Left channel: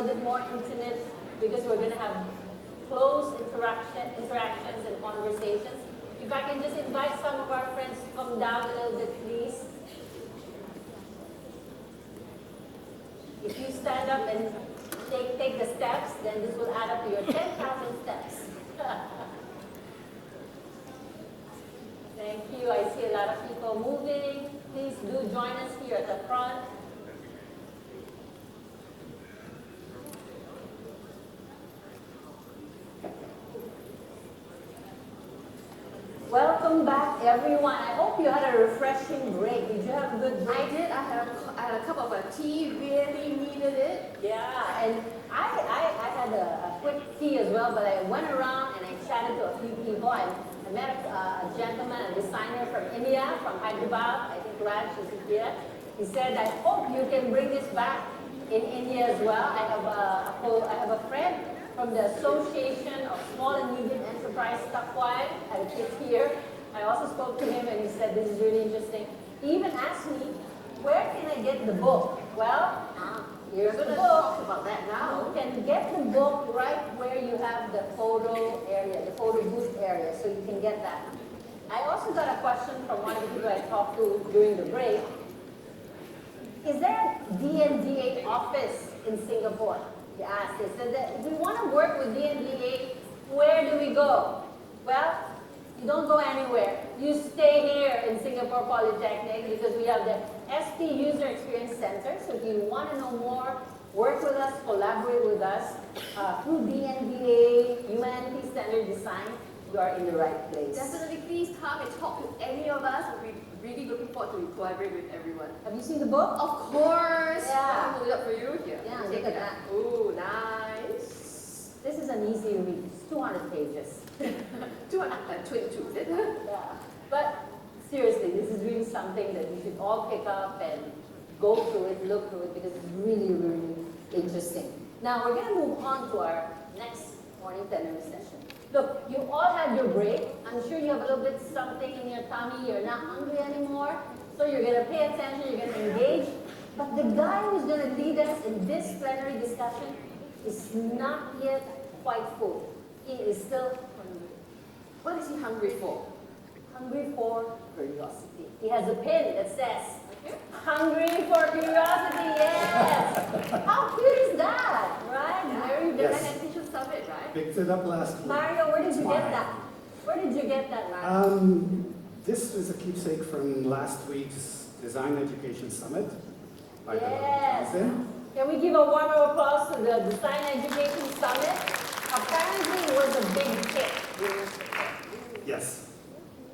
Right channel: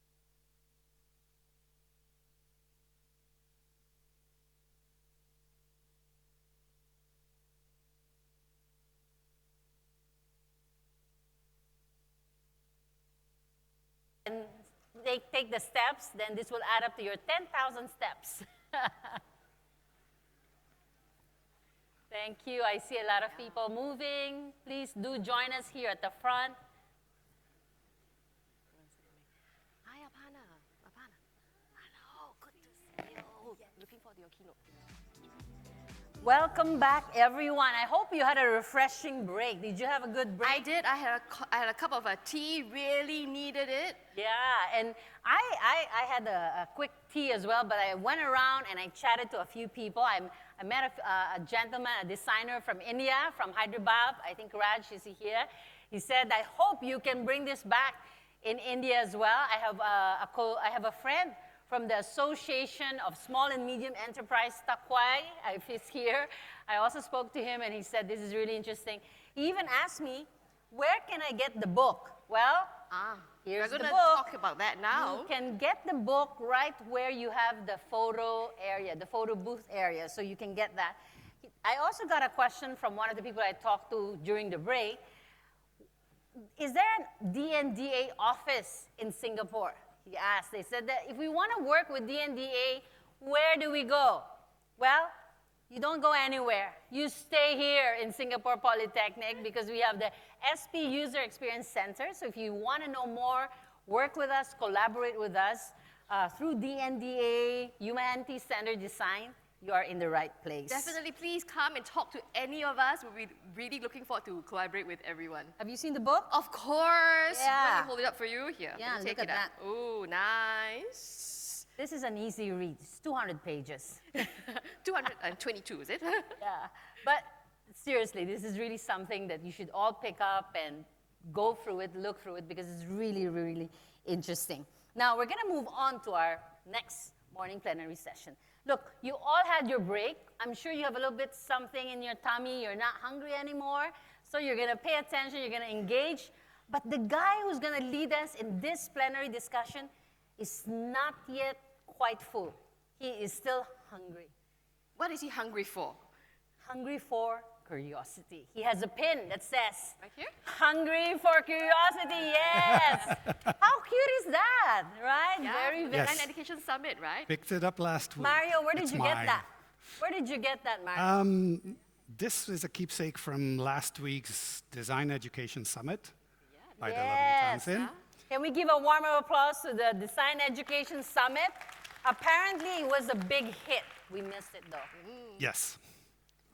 little bit more intimate because we're going to have close interactions and conversations. If I can just invite some of our friends to come down a little bit, please. If you stand up and take the steps, then this will add up to your 10,000 steps. Thank you. I see a lot of people moving. Please do join us here at the front. Welcome back, everyone. I hope you had a refreshing break. Did you have a good break? I did. I had a cup of tea. Really needed it. Yeah, and I had a quick tea as well, but I went around and I chatted to a few people. I met a gentleman, a designer from India, from Hyderabad. I think Raj is here. He said, I hope you can bring this back in India as well. I have a friend from the Association of Small and Medium Enterprise, Takwai, is here. I also spoke to him and he said, this is really interesting. He even asked me, where can I get the book? Well, here's the book. Talk about that now. You can get the book right where you have the photo area, the photo booth area, so you can get that. I also got a question from one of the people I talked to during the break. Is there a DNDA office in Singapore? He asked. They said that if we want to work with DNDA, where do we go? Well, you don't go anywhere. You stay here in Singapore Polytechnic because we have the SP User Experience Center. So if you want to know more, work with us, collaborate with us through DNDA, Humanity-Centered Design, you are in the right place. Definitely, please come and talk to any of us. We're really looking forward to collaborate with everyone. Have you seen the book? Of course. Yeah. I'll hold it up for you. Here. Yeah, Take look it at out. Ooh, nice. This is an easy read. It's 200 pages. 222, is it? Yeah. But seriously, this is really something that you should all pick up and go through it, look through it, because it's really, really interesting. Now, we're going to move on to our next morning plenary session. Look, you all had your break. I'm sure you have a little bit something in your tummy. You're not hungry anymore. So you're going to pay attention. You're going to engage. But the guy who's going to lead us in this plenary discussion is not yet quite full. He is still hungry. What is he hungry for? Hungry for curiosity. He has a pin that says, hungry for curiosity, yes! How cute is that, right? Yeah. Yes. The Education Summit, right? Picked it up last week. Mario, where did you get that? Where did you get that, Mario? This is a keepsake from last week's Design Education Summit. By Yes. Johnson. Can we give a warm applause to the Design Education Summit? Apparently it was a big hit. Yes,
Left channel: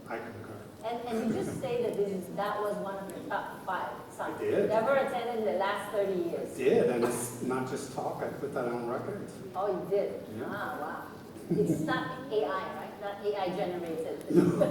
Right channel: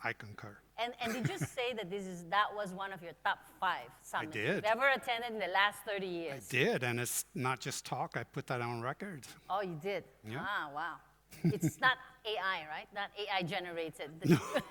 I concur. And did you say that that was one of your top 5 summits? I did. Never attended in the last 30 years. I did, and it's not just talk, I put that on record. Oh, you did? Yeah. Ah, wow. It's not AI, right? Not AI generated. No.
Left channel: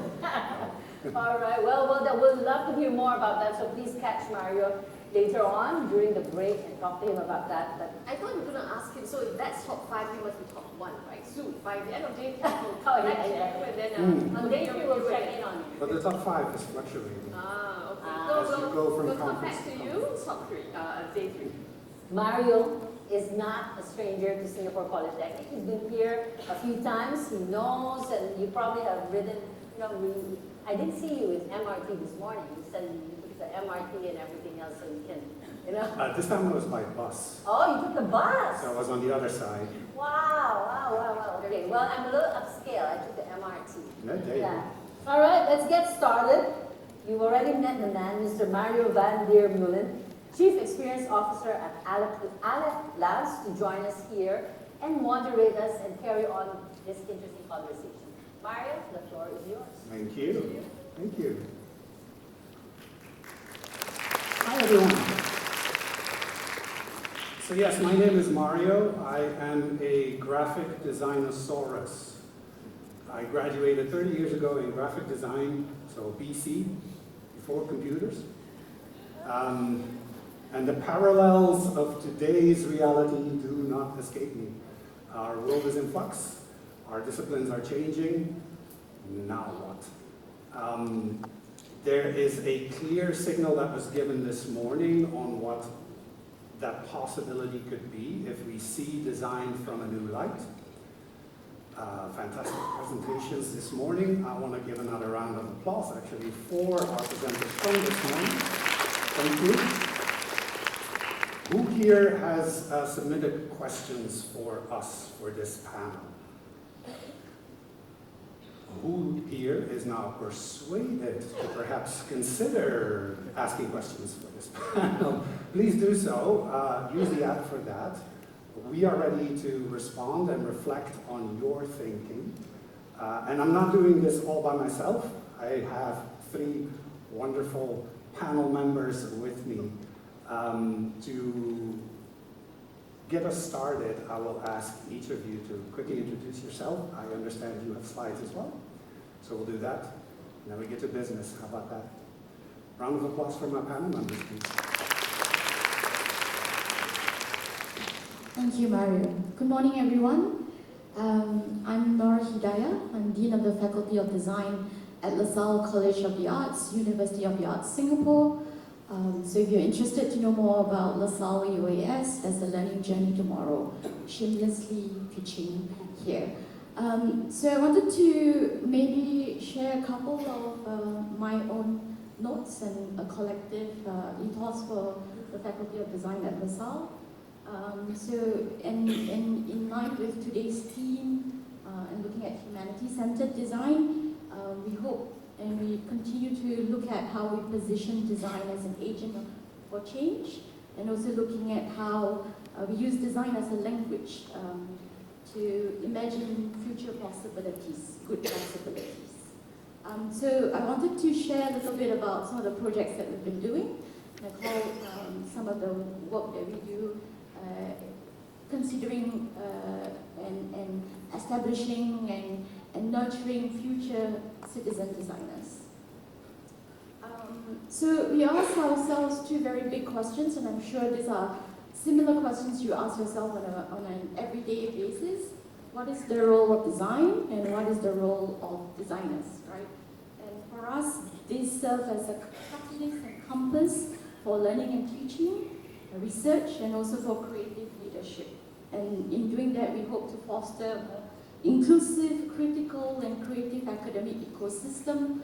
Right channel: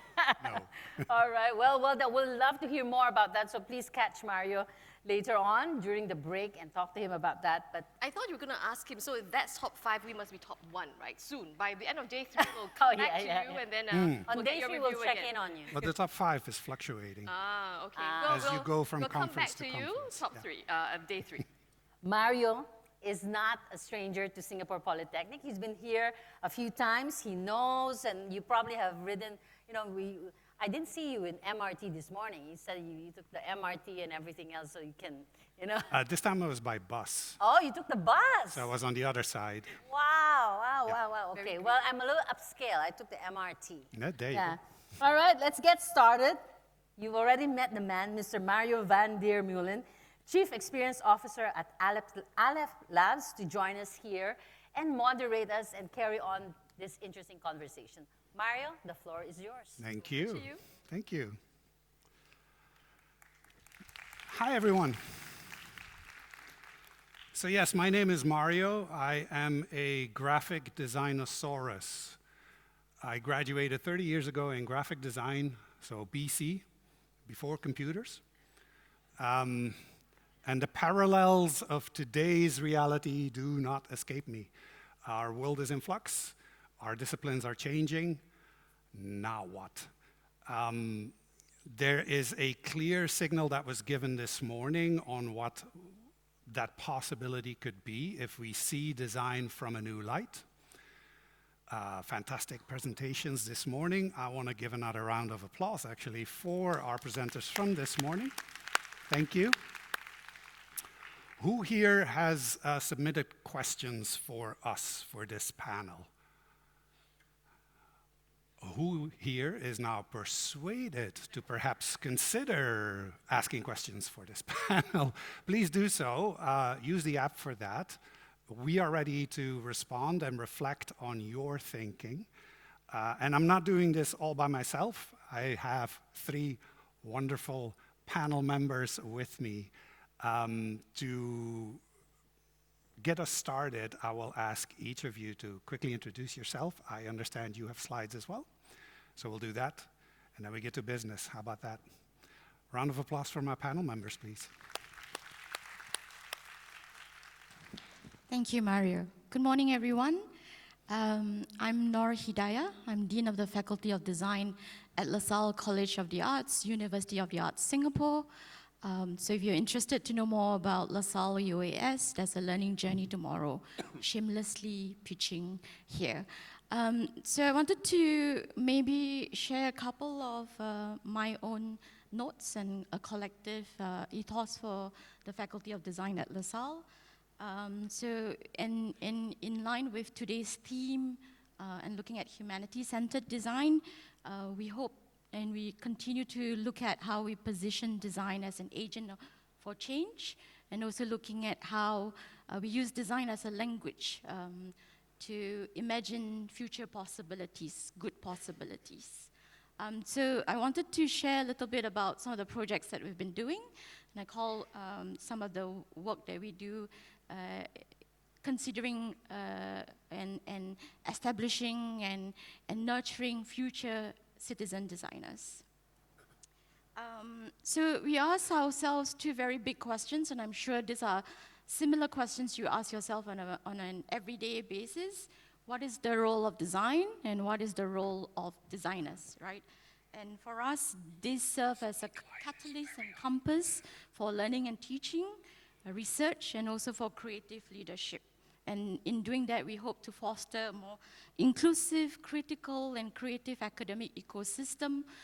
All right, well, we'll love to hear more about that, so please catch Mario later on during the break and talk to him about that. But I thought you were going to ask him, so if that's top 5, we must be top 1, right? Soon, by the end of day 2. Oh, yeah. And then, on day 3, we'll check in on you. But the top 5 is fluctuating. Okay. As you go from we'll come conference back to to you, top 3, day 3. Mario is not a stranger to Singapore Polytechnic. He's been here a few times. He knows, and you probably have ridden, I didn't see you in MRT this morning. You said you took the MRT and everything else so you can, This time it was by bus. Oh, you took the bus. So I was on the other side. Wow. Okay, well, I'm a little upscale. I took the MRT. Good day. Yeah. All right, let's get started. You already met the man, Mr. Mario van der Meulen, Chief Experience Officer at Aleph Labs, to join us here and moderate us and carry on this interesting conversation. Mario, the floor is yours. Thank you. Thank you. Hi, everyone. So yes, my name is Mario. I am a graphic designosaurus. I graduated 30 years ago in graphic design, so BC, before computers. And the parallels of today's reality do not escape me. Our world is in flux. Our disciplines are changing. Now what? There is a clear signal that was given this morning on what that possibility could be if we see design from a new light. Fantastic presentations this morning. I want to give another round of applause, actually, for our presenters from this morning. Thank you. Who here has submitted questions for us for this panel? Who here is now persuaded to perhaps consider asking questions for this panel? Please do so. Use the app for that. We are ready to respond and reflect on your thinking. And I'm not doing this all by myself. I have 3 wonderful panel members with me. To get us started, I will ask each of you to quickly introduce yourself. I understand you have slides as well. So we'll do that, and then we get to business. How about that? Round of applause for my panel members, please. Thank you, Mario. Good morning, everyone. I'm Nora Hidayah. I'm Dean of the Faculty of Design at LaSalle College of the Arts, University of the Arts, Singapore. So if you're interested to know more about LaSalle UAS, there's a learning journey tomorrow, shamelessly pitching here. So I wanted to maybe share a couple of my own notes and a collective ethos for the Faculty of Design at LaSalle. So in line with today's theme and looking at humanity-centered design, we hope and we continue to look at how we position design as an agent for change, and also looking at how we use design as a language to imagine future possibilities, good possibilities. So I wanted to share a little bit about some of the projects that we've been doing, and I call some of the work that we do considering and establishing and nurturing future citizen designers. So we ask ourselves 2 very big questions, and I'm sure these are similar questions you ask yourself on an everyday basis. What is the role of design, and what is the role of designers, right? And for us, these serve as a catalyst and compass for learning and teaching, research, and also for creative leadership. And in doing that, we hope to foster a more inclusive, critical, and creative academic ecosystem,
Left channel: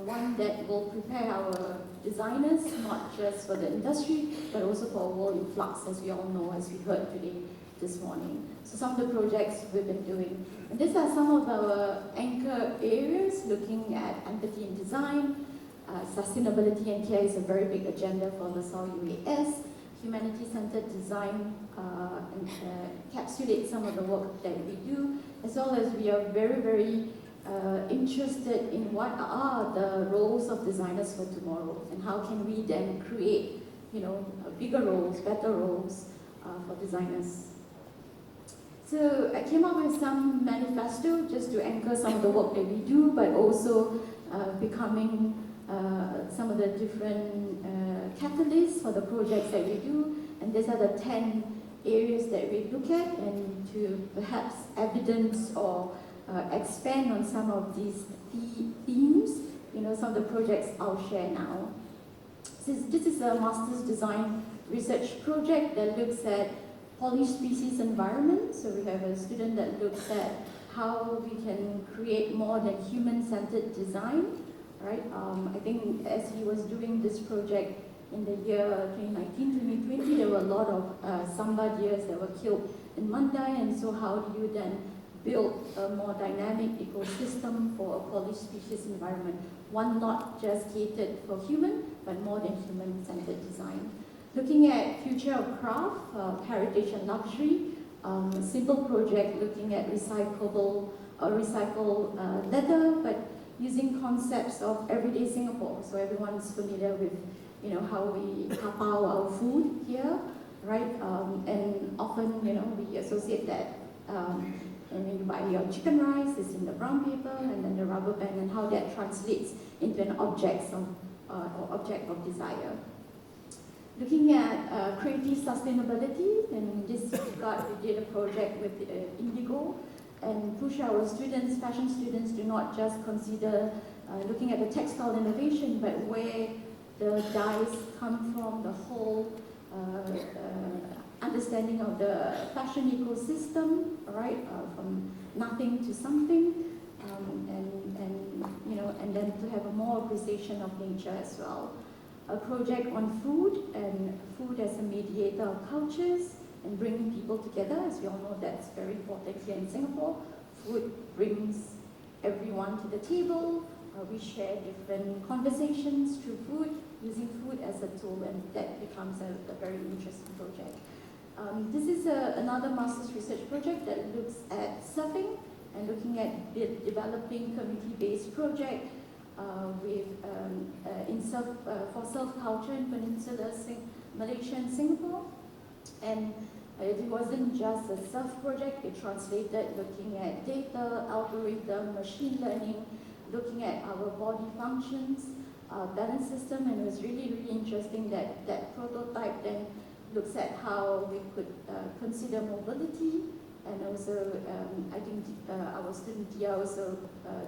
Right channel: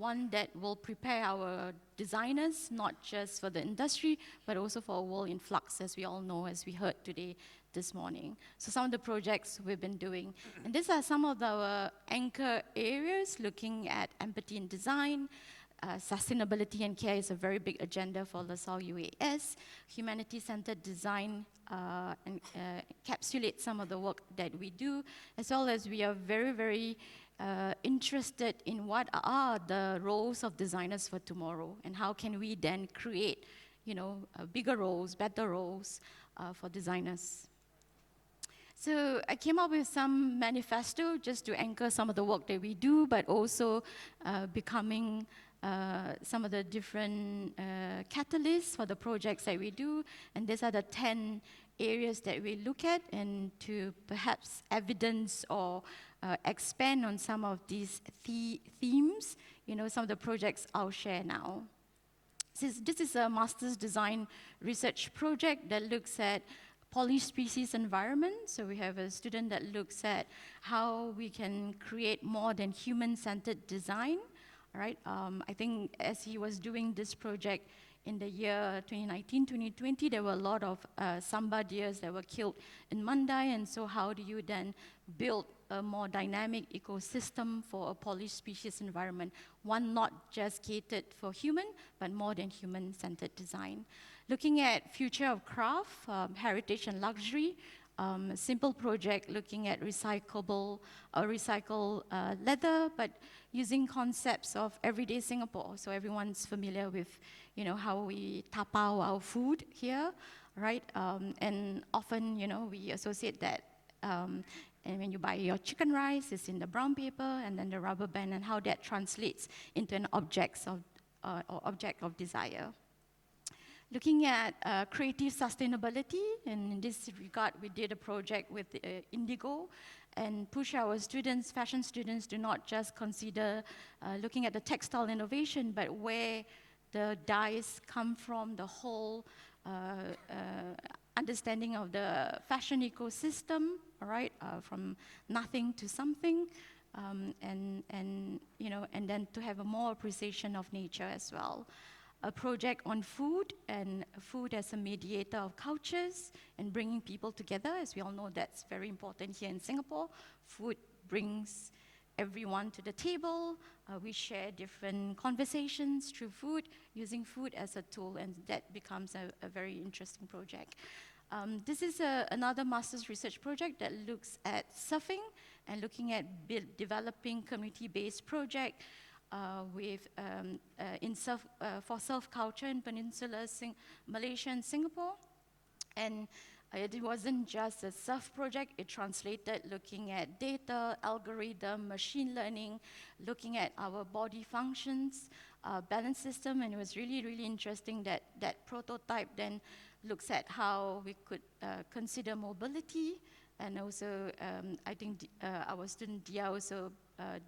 one that will prepare our designers, not just for the industry, but also for a world in flux, as we all know, as we heard today, this morning. So some of the projects we've been doing. And these are some of our anchor areas, looking at empathy in design, sustainability and care is a very big agenda for LaSalle UAS, humanity-centered design encapsulates some of the work that we do, as well as we are very, very interested in what are the roles of designers for tomorrow, and how can we then create, bigger roles, better roles for designers. So I came up with some manifesto just to anchor some of the work that we do, but also becoming some of the different catalysts for the projects that we do. And these are the 10 areas that we look at, and to perhaps evidence or expand on some of these themes, some of the projects I'll share now. This is a master's design research project that looks at polyspecies environment. So we have a student that looks at how we can create more than human-centered design, right? I think as he was doing this project in the year 2019, 2020, there were a lot of samba deers that were killed in Mandai, and so how do you then build a more dynamic ecosystem for a polyspecies environment, one not just catered for human, but more than human-centered design. Looking at future of craft, heritage and luxury, a simple project looking at recycled leather, but using concepts of everyday Singapore. So everyone's familiar with, how we tapao our food here, right? And often, we associate that. And when you buy your chicken rice, it's in the brown paper and then the rubber band, and how that translates into an object of desire. Looking at creative sustainability, and in this regard, we did a project with Indigo, and push our students, fashion students, to not just consider looking at the textile innovation, but where the dyes come from, the whole understanding of the fashion ecosystem, right, from nothing to something, and then to have more appreciation of nature as well. A project on food and food as a mediator of cultures and bringing people together. As we all know, that's very important here in Singapore. Food brings everyone to the table. We share different conversations through food, using food as a tool, and that becomes a very interesting project. This is another master's research project that looks at surfing and looking at developing community-based project for surf culture in Peninsula Malaysia and Singapore. And it wasn't just a surf project, it translated looking at data, algorithm, machine learning, looking at our body functions, balance system, and it was really, really interesting that that prototype then looks at how we could consider mobility, and also I think our student Dia also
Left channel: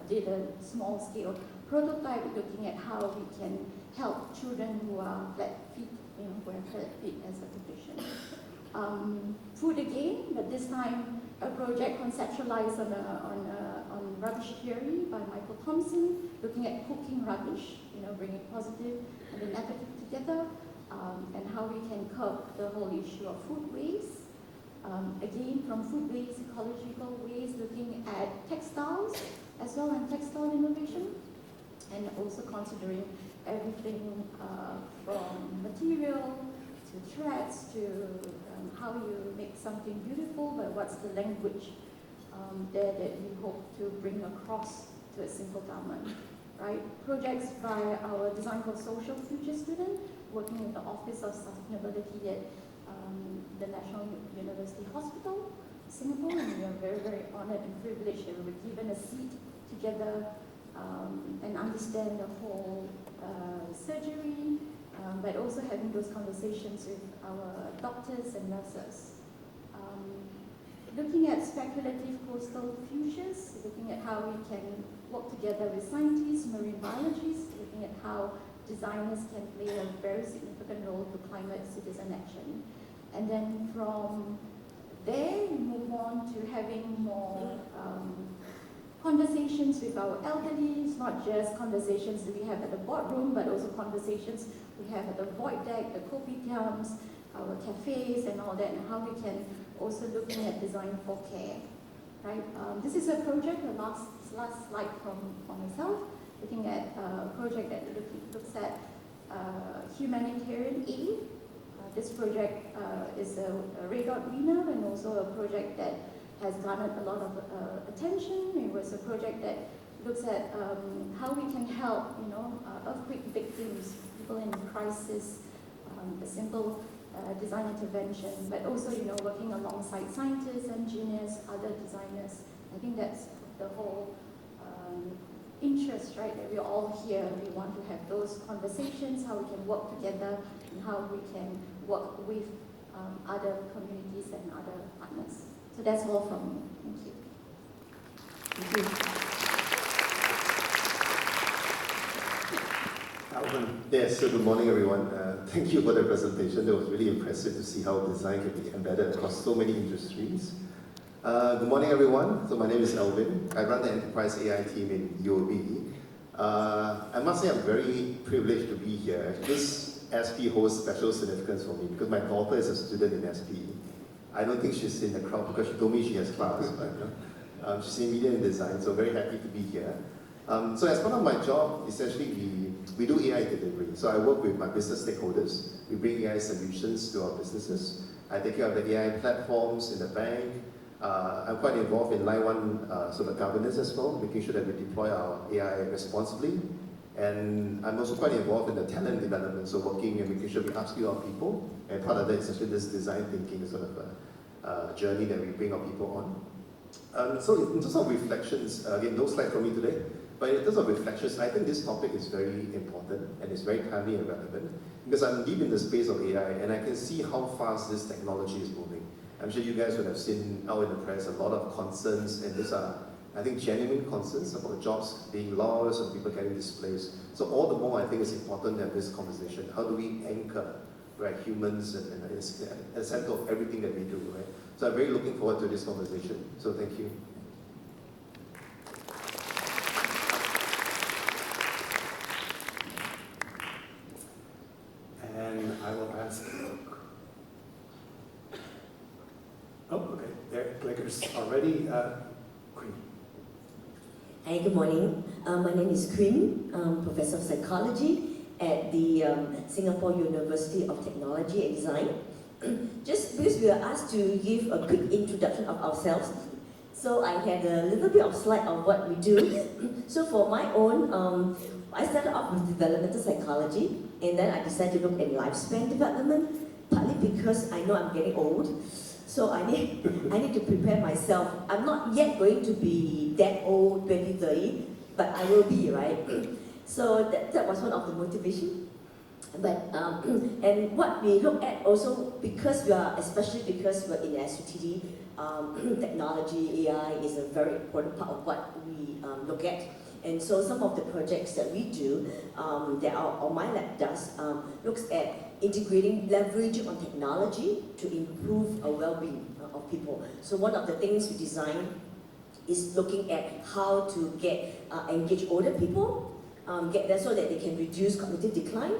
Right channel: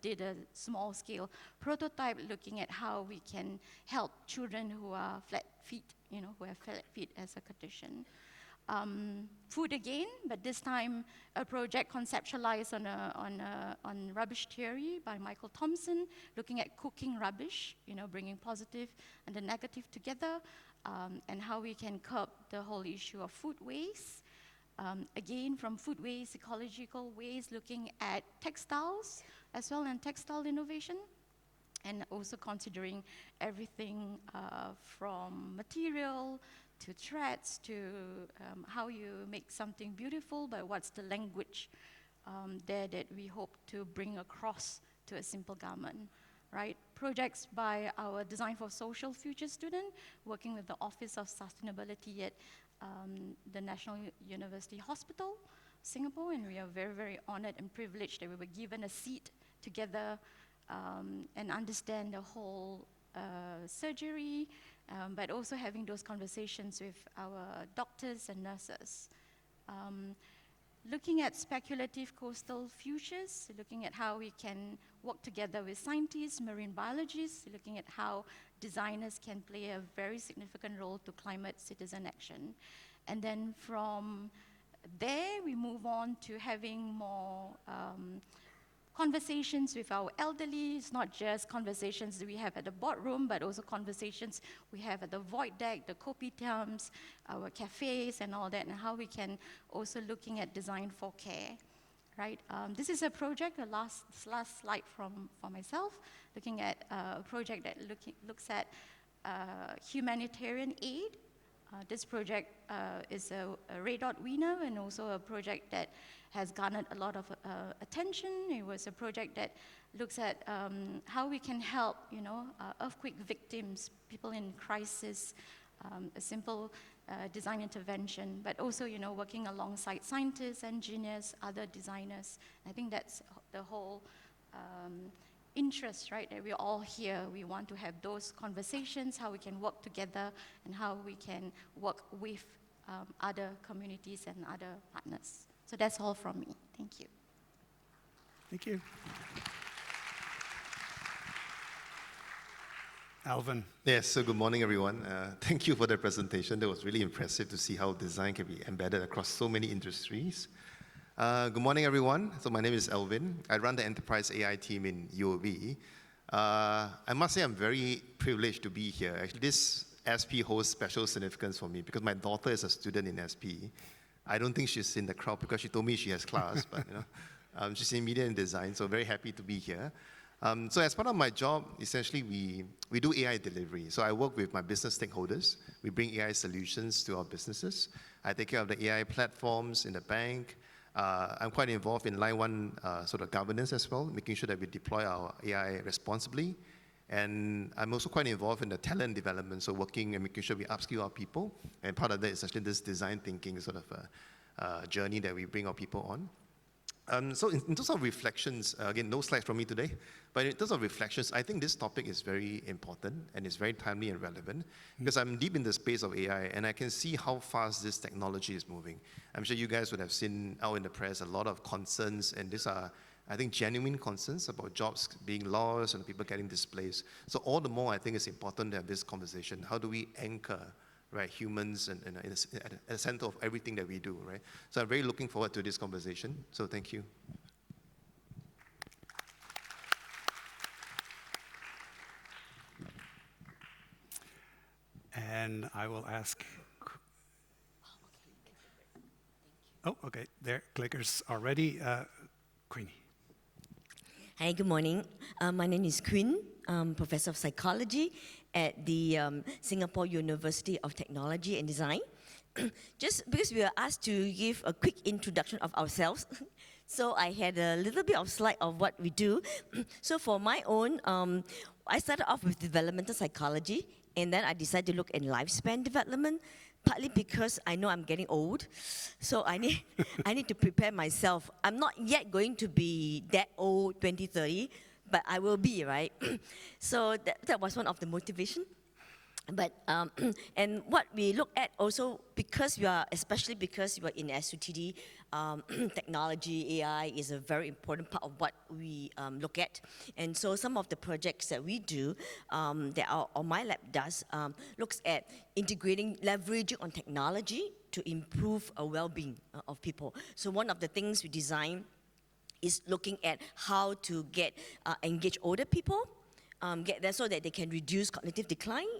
did a small scale prototype looking at how we can help children who are flat feet, who have flat feet as a condition. Food again, but this time a project conceptualized on rubbish theory by Michael Thompson, looking at cooking rubbish, bringing positive and the negative together, and how we can curb the whole issue of food waste. Again, from food waste, ecological waste, looking at textiles as well and textile innovation, and also considering everything from material to threads to how you make something beautiful, but what's the language there that we hope to bring across to a simple garment, right? Projects by our Design for Social Future student, working with the Office of Sustainability at the National University Hospital, Singapore, and we are very, very honored and privileged that we were given a seat together and understand the whole surgery, but also having those conversations with our doctors and nurses. Looking at speculative coastal futures, looking at how we can work together with scientists, marine biologists, looking at how designers can play a very significant role to climate citizen action. And then from there, we move on to having more conversations with our elderlies, not just conversations that we have at the boardroom, but also conversations we have at the void deck, the kopitiams, our cafes and all that, and how we can also looking at design for care, right? This is a project, the last slide from myself, looking at a project that looks at humanitarian aid. This project is a Red Dot winner and also a project that has garnered a lot of attention. It was a project that looks at how we can help, earthquake victims, people in crisis, a simple design intervention, but also, working alongside scientists, engineers, other designers. I think that's the whole interest, right? That we're all here. We want to have those conversations, how we can work together, and how we can work with other communities and other partners. So that's all from me. Thank you. Thank you. Alvin. Yes, so good morning everyone. Thank you for the presentation. It was really impressive to see how design can be embedded across so many industries. Good morning everyone. So my name is Alvin. I run the Enterprise AI team in UOB. I must say I'm very privileged to be here. Actually, this SP holds special significance for me because my daughter is a student in SP. I don't think she's in the crowd because she told me she has class, but she's in media and design, so very happy to be here. So as part of my job, essentially we do AI delivery. So I work with my business stakeholders. We bring AI solutions to our businesses. I take care of the AI platforms in the bank. I'm quite involved in line one sort of governance as well, making sure that we deploy our AI responsibly. And I'm also quite involved in the talent development, so working and making sure we upskill our people. And part of that is actually this design thinking sort of journey that we bring our people on. So in terms of reflections, again, no slides from me today, but in terms of reflections, I think this topic is very important and it's very timely and relevant because I'm deep in the space of AI and I can see how fast this technology is moving. I'm sure you guys would have seen out in the press a lot of concerns, and these are, I think, genuine concerns about jobs being lost or people getting displaced. So all the more, I think it's important to have this conversation. How do we anchor right? Humans in the center of everything that we do, right? So I'm really looking forward to this conversation. So thank you. And I will ask. Oh, okay. There, clickers already. Queenie. Hi, good morning. My name is Quinn, Professor of Psychology at the Singapore University of Technology and Design. Just because we were asked to give a quick introduction of ourselves, so I had a little bit of slide on what we do. So for my own, I started off with developmental psychology, and then I decided to look at lifespan development, partly because I know I'm getting old. So I need to prepare myself. I'm not yet going to be that old, 20, 30, but I will be, right? So that was one of the motivations. But and what we look at also, especially because we're in SUTD, technology, AI is a very important part of what we look at. And so some of the projects that we do, my lab does, looks at integrating leverage on technology to improve well-being of people. So one of the things we design is looking at how to engage older people, get there so that they can reduce cognitive decline,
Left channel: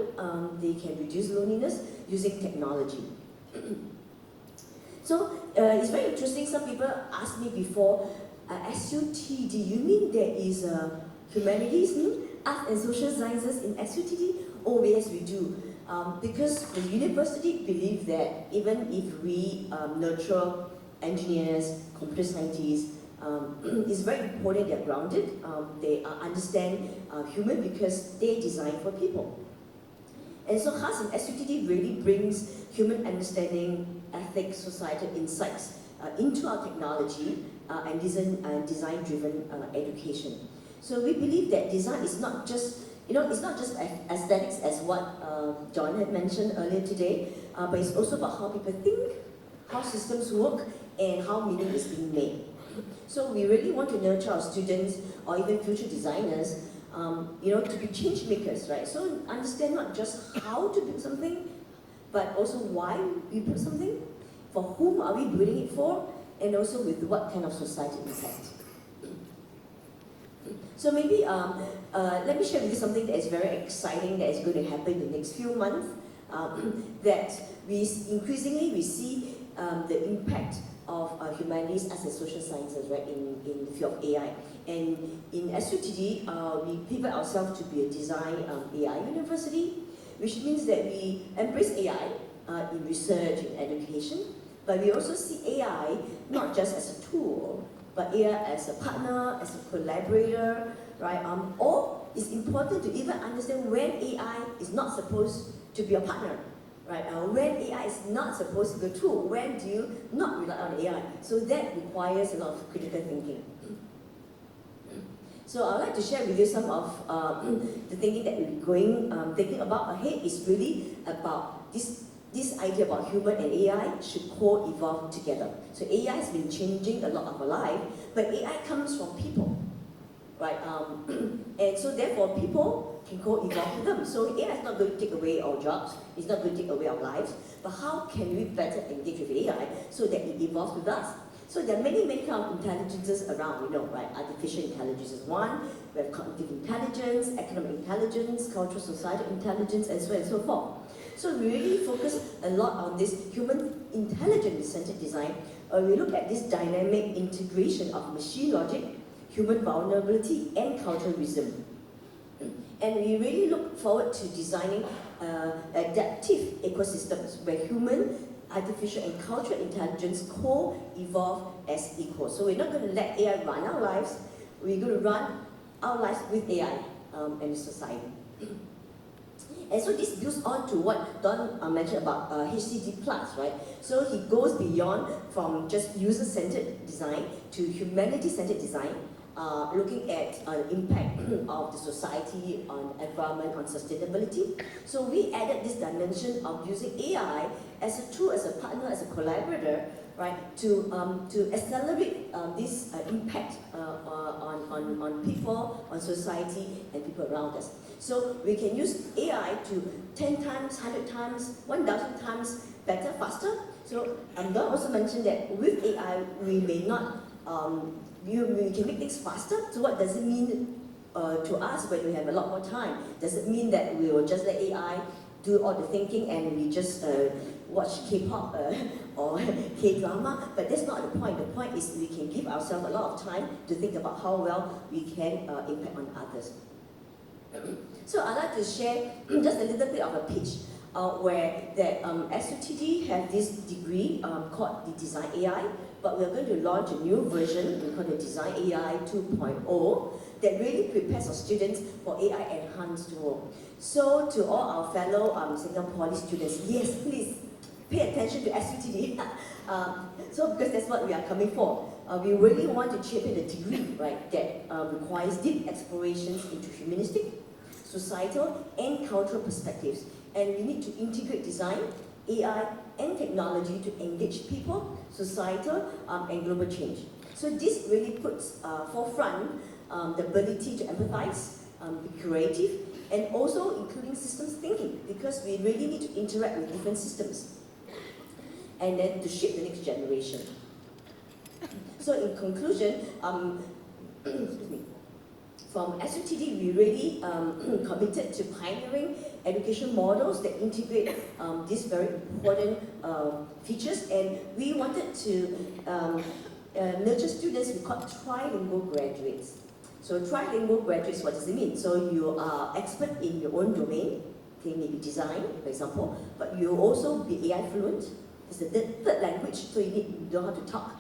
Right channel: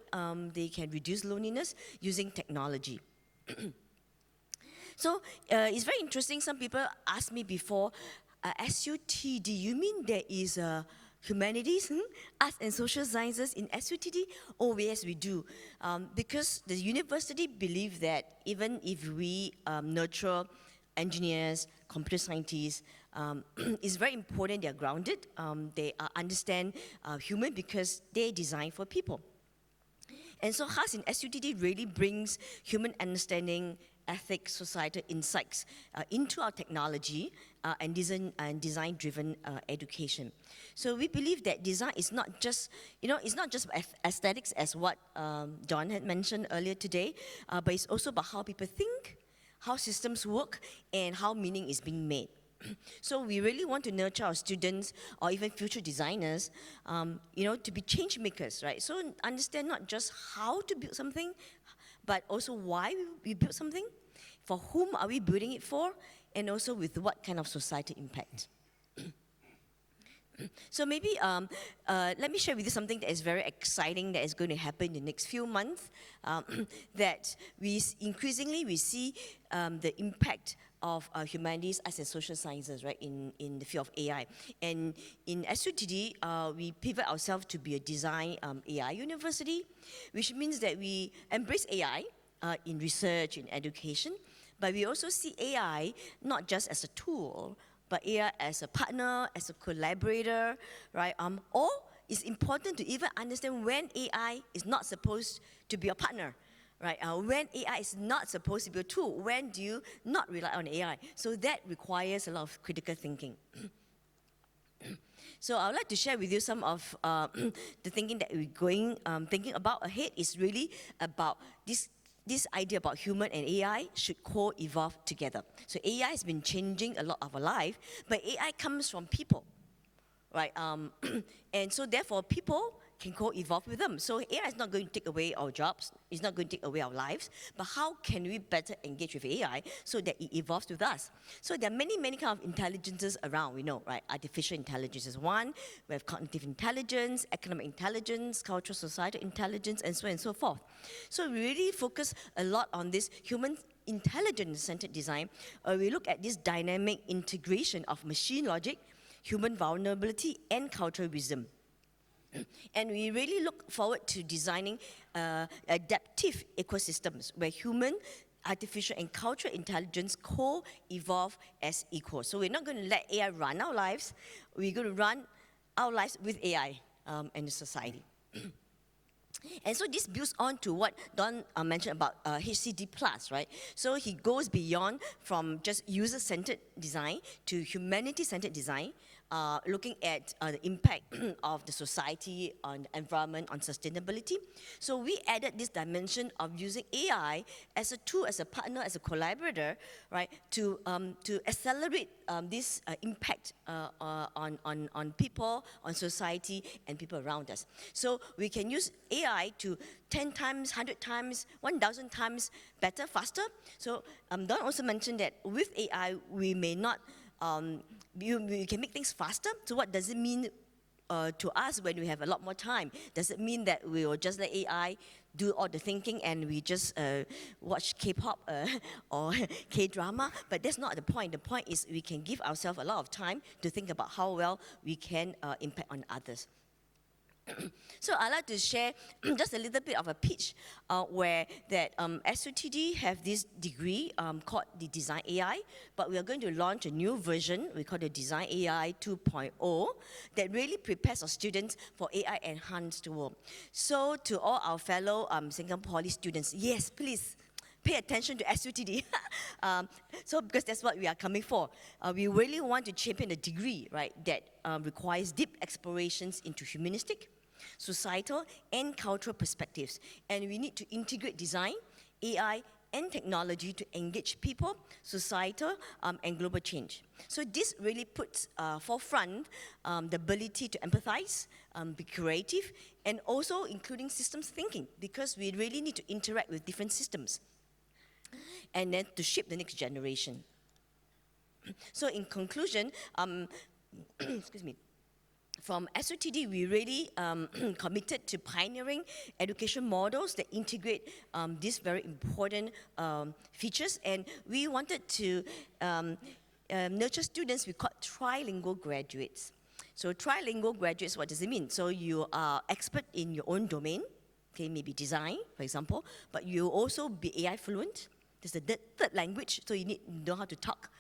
they can reduce loneliness using technology. So it's very interesting. Some people asked me before, SUTD, you mean there is humanities, art and social sciences in SUTD? Oh yes, we do. Because the university believes that even if we nurture engineers, computer scientists, it's very important they're grounded. They understand human because they design for people. And so HAS in SUTD really brings human understanding, ethics, societal insights into our technology and design-driven education. So we believe that design is not just, it's not just aesthetics as what John had mentioned earlier today, but it's also about how people think, how systems work, and how meaning is being made. So we really want to nurture our students or even future designers, to be change makers, right? So understand not just how to build something, but also why we build something, for whom are we building it for, and also with what kind of society impact. So maybe let me share with you something that is very exciting that is going to happen in the next few months, that we see the impact of humanities, arts and social sciences, right, in the field of AI. And in SUTD, we pivot ourselves to be a design AI university, which means that we embrace AI in research and education, but we also see AI not just as a tool, but AI as a partner, as a collaborator, right? Or it's important to even understand when AI is not supposed to be a partner, right? When AI is not supposed to be a tool, when do you not rely on AI? So that requires a lot of critical thinking. So I'd like to share with you some of the thinking that we're thinking about ahead is really about this idea about human and AI should co-evolve together. So AI has been changing a lot of our life, but AI comes from people, right? And so therefore people can co-evolve with them. So AI is not going to take away our jobs, it's not going to take away our lives, but how can we better engage with AI so that it evolves with us? So there are many kind of intelligences around, right? Artificial intelligence is one, we have cognitive intelligence, economic intelligence, cultural societal intelligence, and so on and so forth. So we really focus a lot on this human intelligence-centered design. We look at this dynamic integration of machine logic, human vulnerability, and cultural wisdom. And we really look forward to designing adaptive ecosystems where human, artificial, and cultural intelligence co-evolve as equals. So we're not going to let AI run our lives, we're going to run our lives with AI and the society. And so this builds on to what Don mentioned about HCD+, right? So he goes beyond from just user-centered design to humanity-centered design, looking at the impact of the society on environment, on sustainability. So we added this dimension of using AI as a tool, as a partner, as a collaborator, right, to accelerate this impact on people, on society, and people around us. So we can use AI to 10 times, 100 times, 1,000 times better, faster. So Don also mentioned that with AI, we may not, we can make things faster. So what does it mean to us when we have a lot more time? Does it mean that we will just let AI do all the thinking and we just watch K-pop or K-drama? But that's not the point. The point is we can give ourselves a lot of time to think about how well we can impact on others. So I'd like to share just a little bit of a pitch where the SUTD have this degree called the Design AI, but we're going to launch a new version, we call it Design AI 2.0, that really prepares our students for AI enhanced world. So to all our fellow Singapore Poly students, yes, please pay attention to SUTD. So because that's what we are coming for. We really want to champion a degree, right, that requires deep explorations into humanistic, societal, and cultural perspectives. And we need to integrate design, AI, and technology to engage people, societal, and global change. So this really puts forefront the ability to empathize, be creative, and also including systems thinking, because we really need to interact with different systems, and then to shape the next generation. So in conclusion, from SUTD, we really committed to pioneering education models that integrate these very important features, and we wanted to nurture students we call trilingual graduates. So trilingual graduates, what does it mean? So you are expert in your own domain, okay, maybe design, for example, but you also be AI fluent. There's the third language, so you need to know how to talk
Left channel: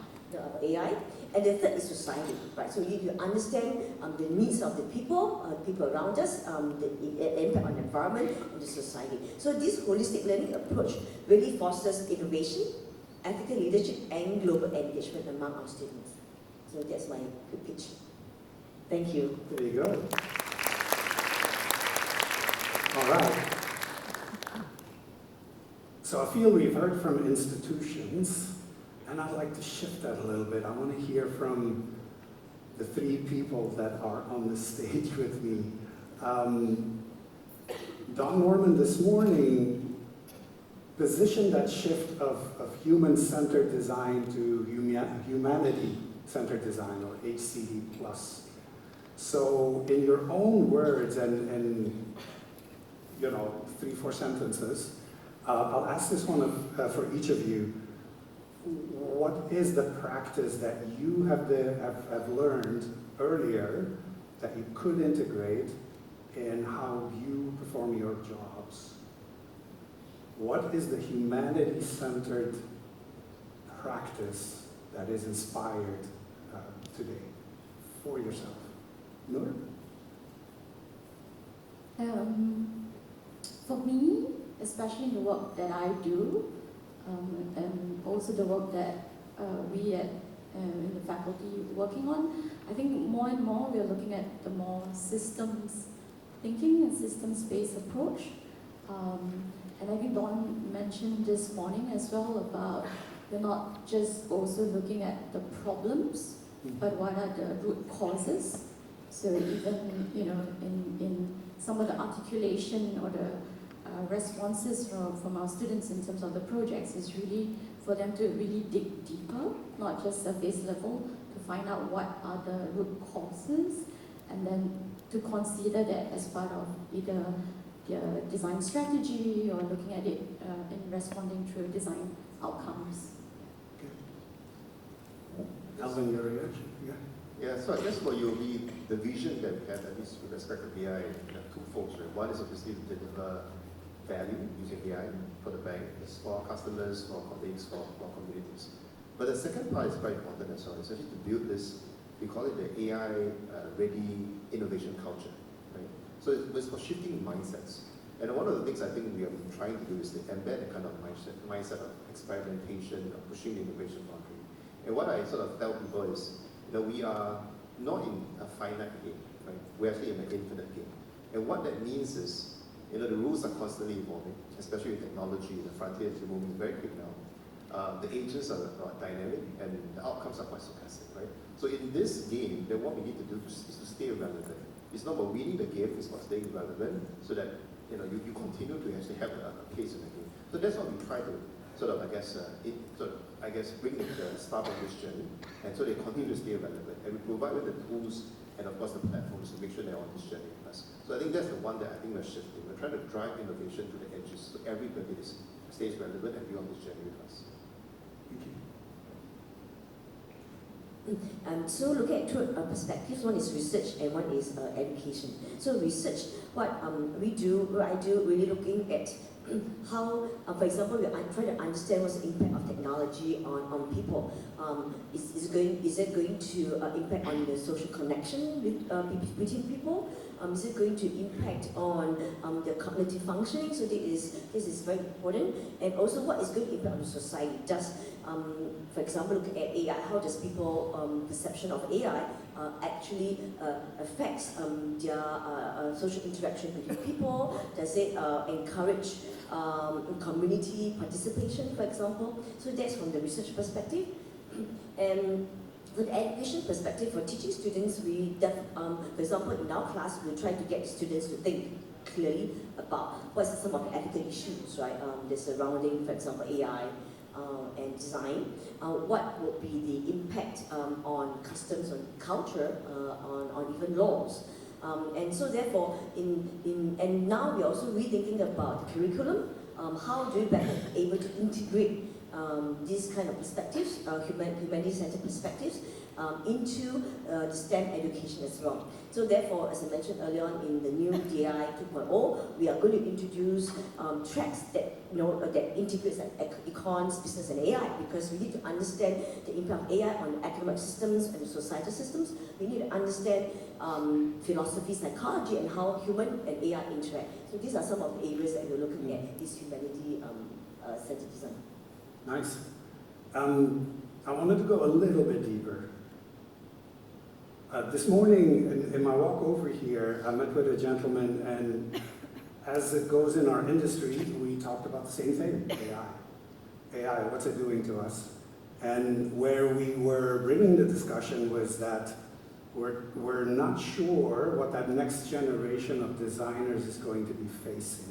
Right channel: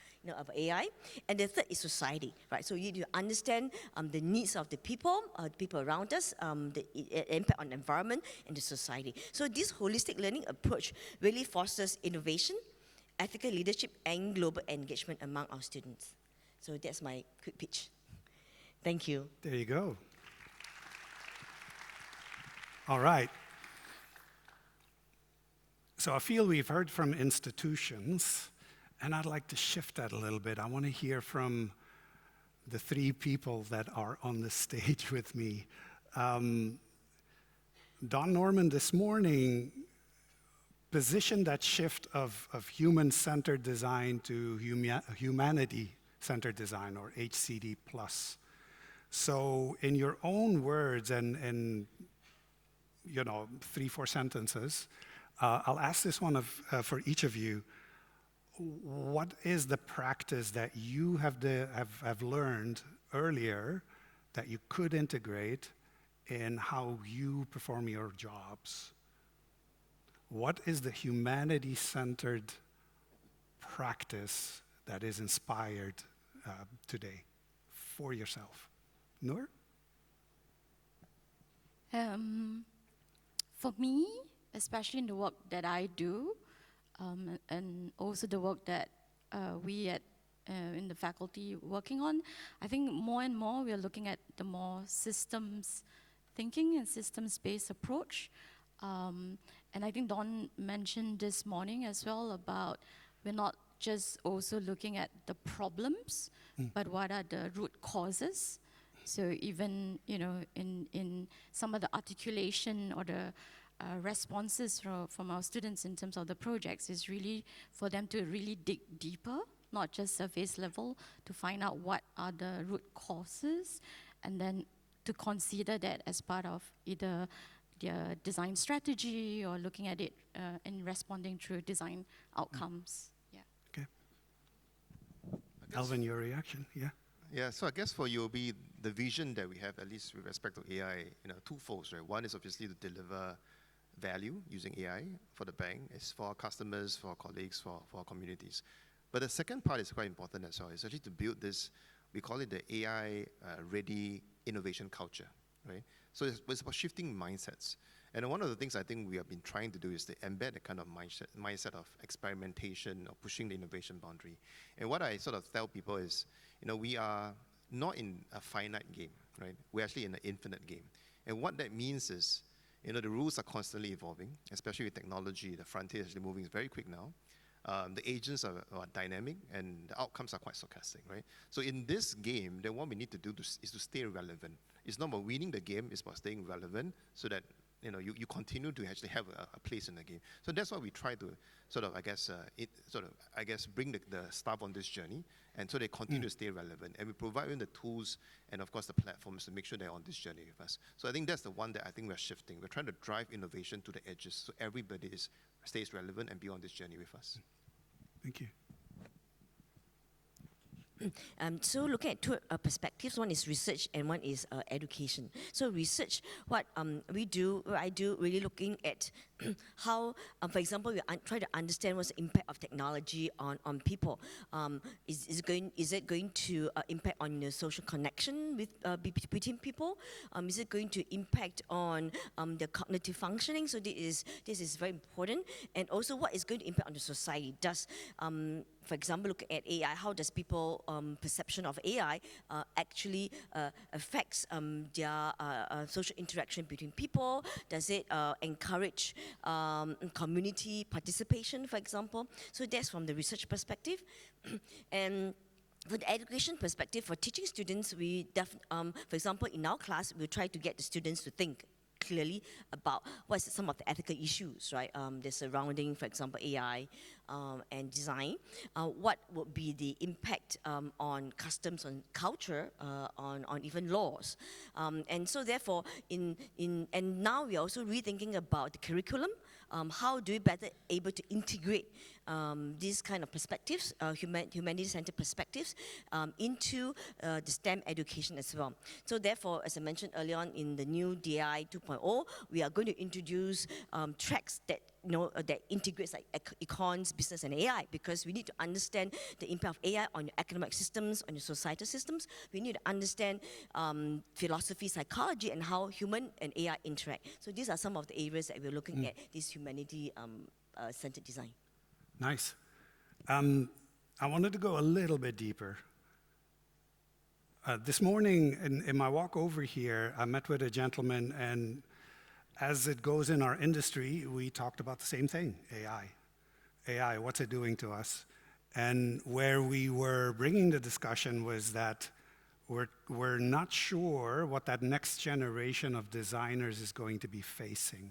AI. And the third is society, right? So you need to understand the needs of the people around us, the impact on the environment and the society. So this holistic learning approach really fosters innovation, ethical leadership, and global engagement among our students. So that's my quick pitch. Thank you. There you go. All right. So I feel we've heard from institutions, and I'd like to shift that a little bit. I want to hear from the three people that are on the stage with me. Don Norman this morning positioned that shift of human-centered design to humanity-centered design, or HCD+. So in your own words and in 3-4 sentences, I'll ask this one for each of you. What is the practice that you have learned earlier that you could integrate in how you perform your jobs? What is the humanity-centered practice that is inspired today for yourself? Noor? For me, especially in the work that I do, and also the work that we in the faculty working on, I think more and more we are looking at the more systems thinking and systems-based approach. And I think Don mentioned this morning as well about we're not just also looking at the problems, but what are the root causes. So even in some of the articulation or the responses from our students in terms of the projects is really for them to really dig deeper, not just surface level, to find out what are the root causes, and then to consider that as part of either their design strategy or looking at it and responding through design outcomes. Okay. Alvin, your reaction? Yeah, so I guess for UOB, the vision that we have, at least with respect to AI, two folds, right? One is obviously to deliver value using AI for the bank, it's for our customers, for our colleagues, for our communities. But the second part is quite important as well, is actually to build this, we call it the AI-ready innovation culture, right? So it's for shifting mindsets. And one of the things I think we have been trying to do is to embed a kind of mindset of experimentation, of pushing the innovation boundary. And what I sort of tell people is, we are not in a finite game, right? We're actually in an infinite game. And what that means is, the rules are constantly evolving, especially with technology. The frontier is moving very quick now. the agents are dynamic, and the outcomes are quite stochastic, right? So in this game, then what we need to do is to stay relevant. It's not about winning the game, it's about staying relevant so that you continue to actually have a place in the game. So that's what we try to bring the staff on this journey, and so they continue to stay relevant. And we provide them the tools and of course the platforms to make sure they're on this journey with us. So I think that's the one that I think we're shifting. We're trying to drive innovation to the edges so everybody stays relevant and be on this journey with us. Thank you. So look at two perspectives. One is research and one is education. So research, what I do really looking at how, for example, I'm trying to understand what's the impact of technology on people. Is it going to impact on the social connection with between people? Is it going to impact on the cognitive functioning? So this is very important. And also, what is going to impact on the society? For example, look at AI. How does people perception of AI actually affects their social interaction between people? Does it encourage community participation, for example? So that's from the research perspective. And from the education perspective, for teaching students, for example, in our class, we're trying to get students to think clearly about what's some of the ethical issues, right? The surrounding, for example, AI and design. What will be the impact on customs, on culture, on even laws? And so therefore, and now we're also rethinking about the curriculum. How do we better able to integrate these kind of perspectives, humanity-centered perspectives, into the STEM education as well. So therefore, as I mentioned earlier on in the new DI 2.0, we are going to introduce tracks that that integrates like econs, business, and AI, because we need to understand the impact of AI on the economic systems and the societal systems. We need to understand philosophy, psychology, and how human and AI interact. So these are some of the areas that we're looking at, this humanity-centered design. Nice. I wanted to go a little bit deeper. This morning, in my walk over here, I met with a gentleman, and as it goes in our industry, we talked about the same thing, AI. AI, what's it doing to us? And where we were bringing the discussion was that we're not sure what that next generation of designers is going to be facing.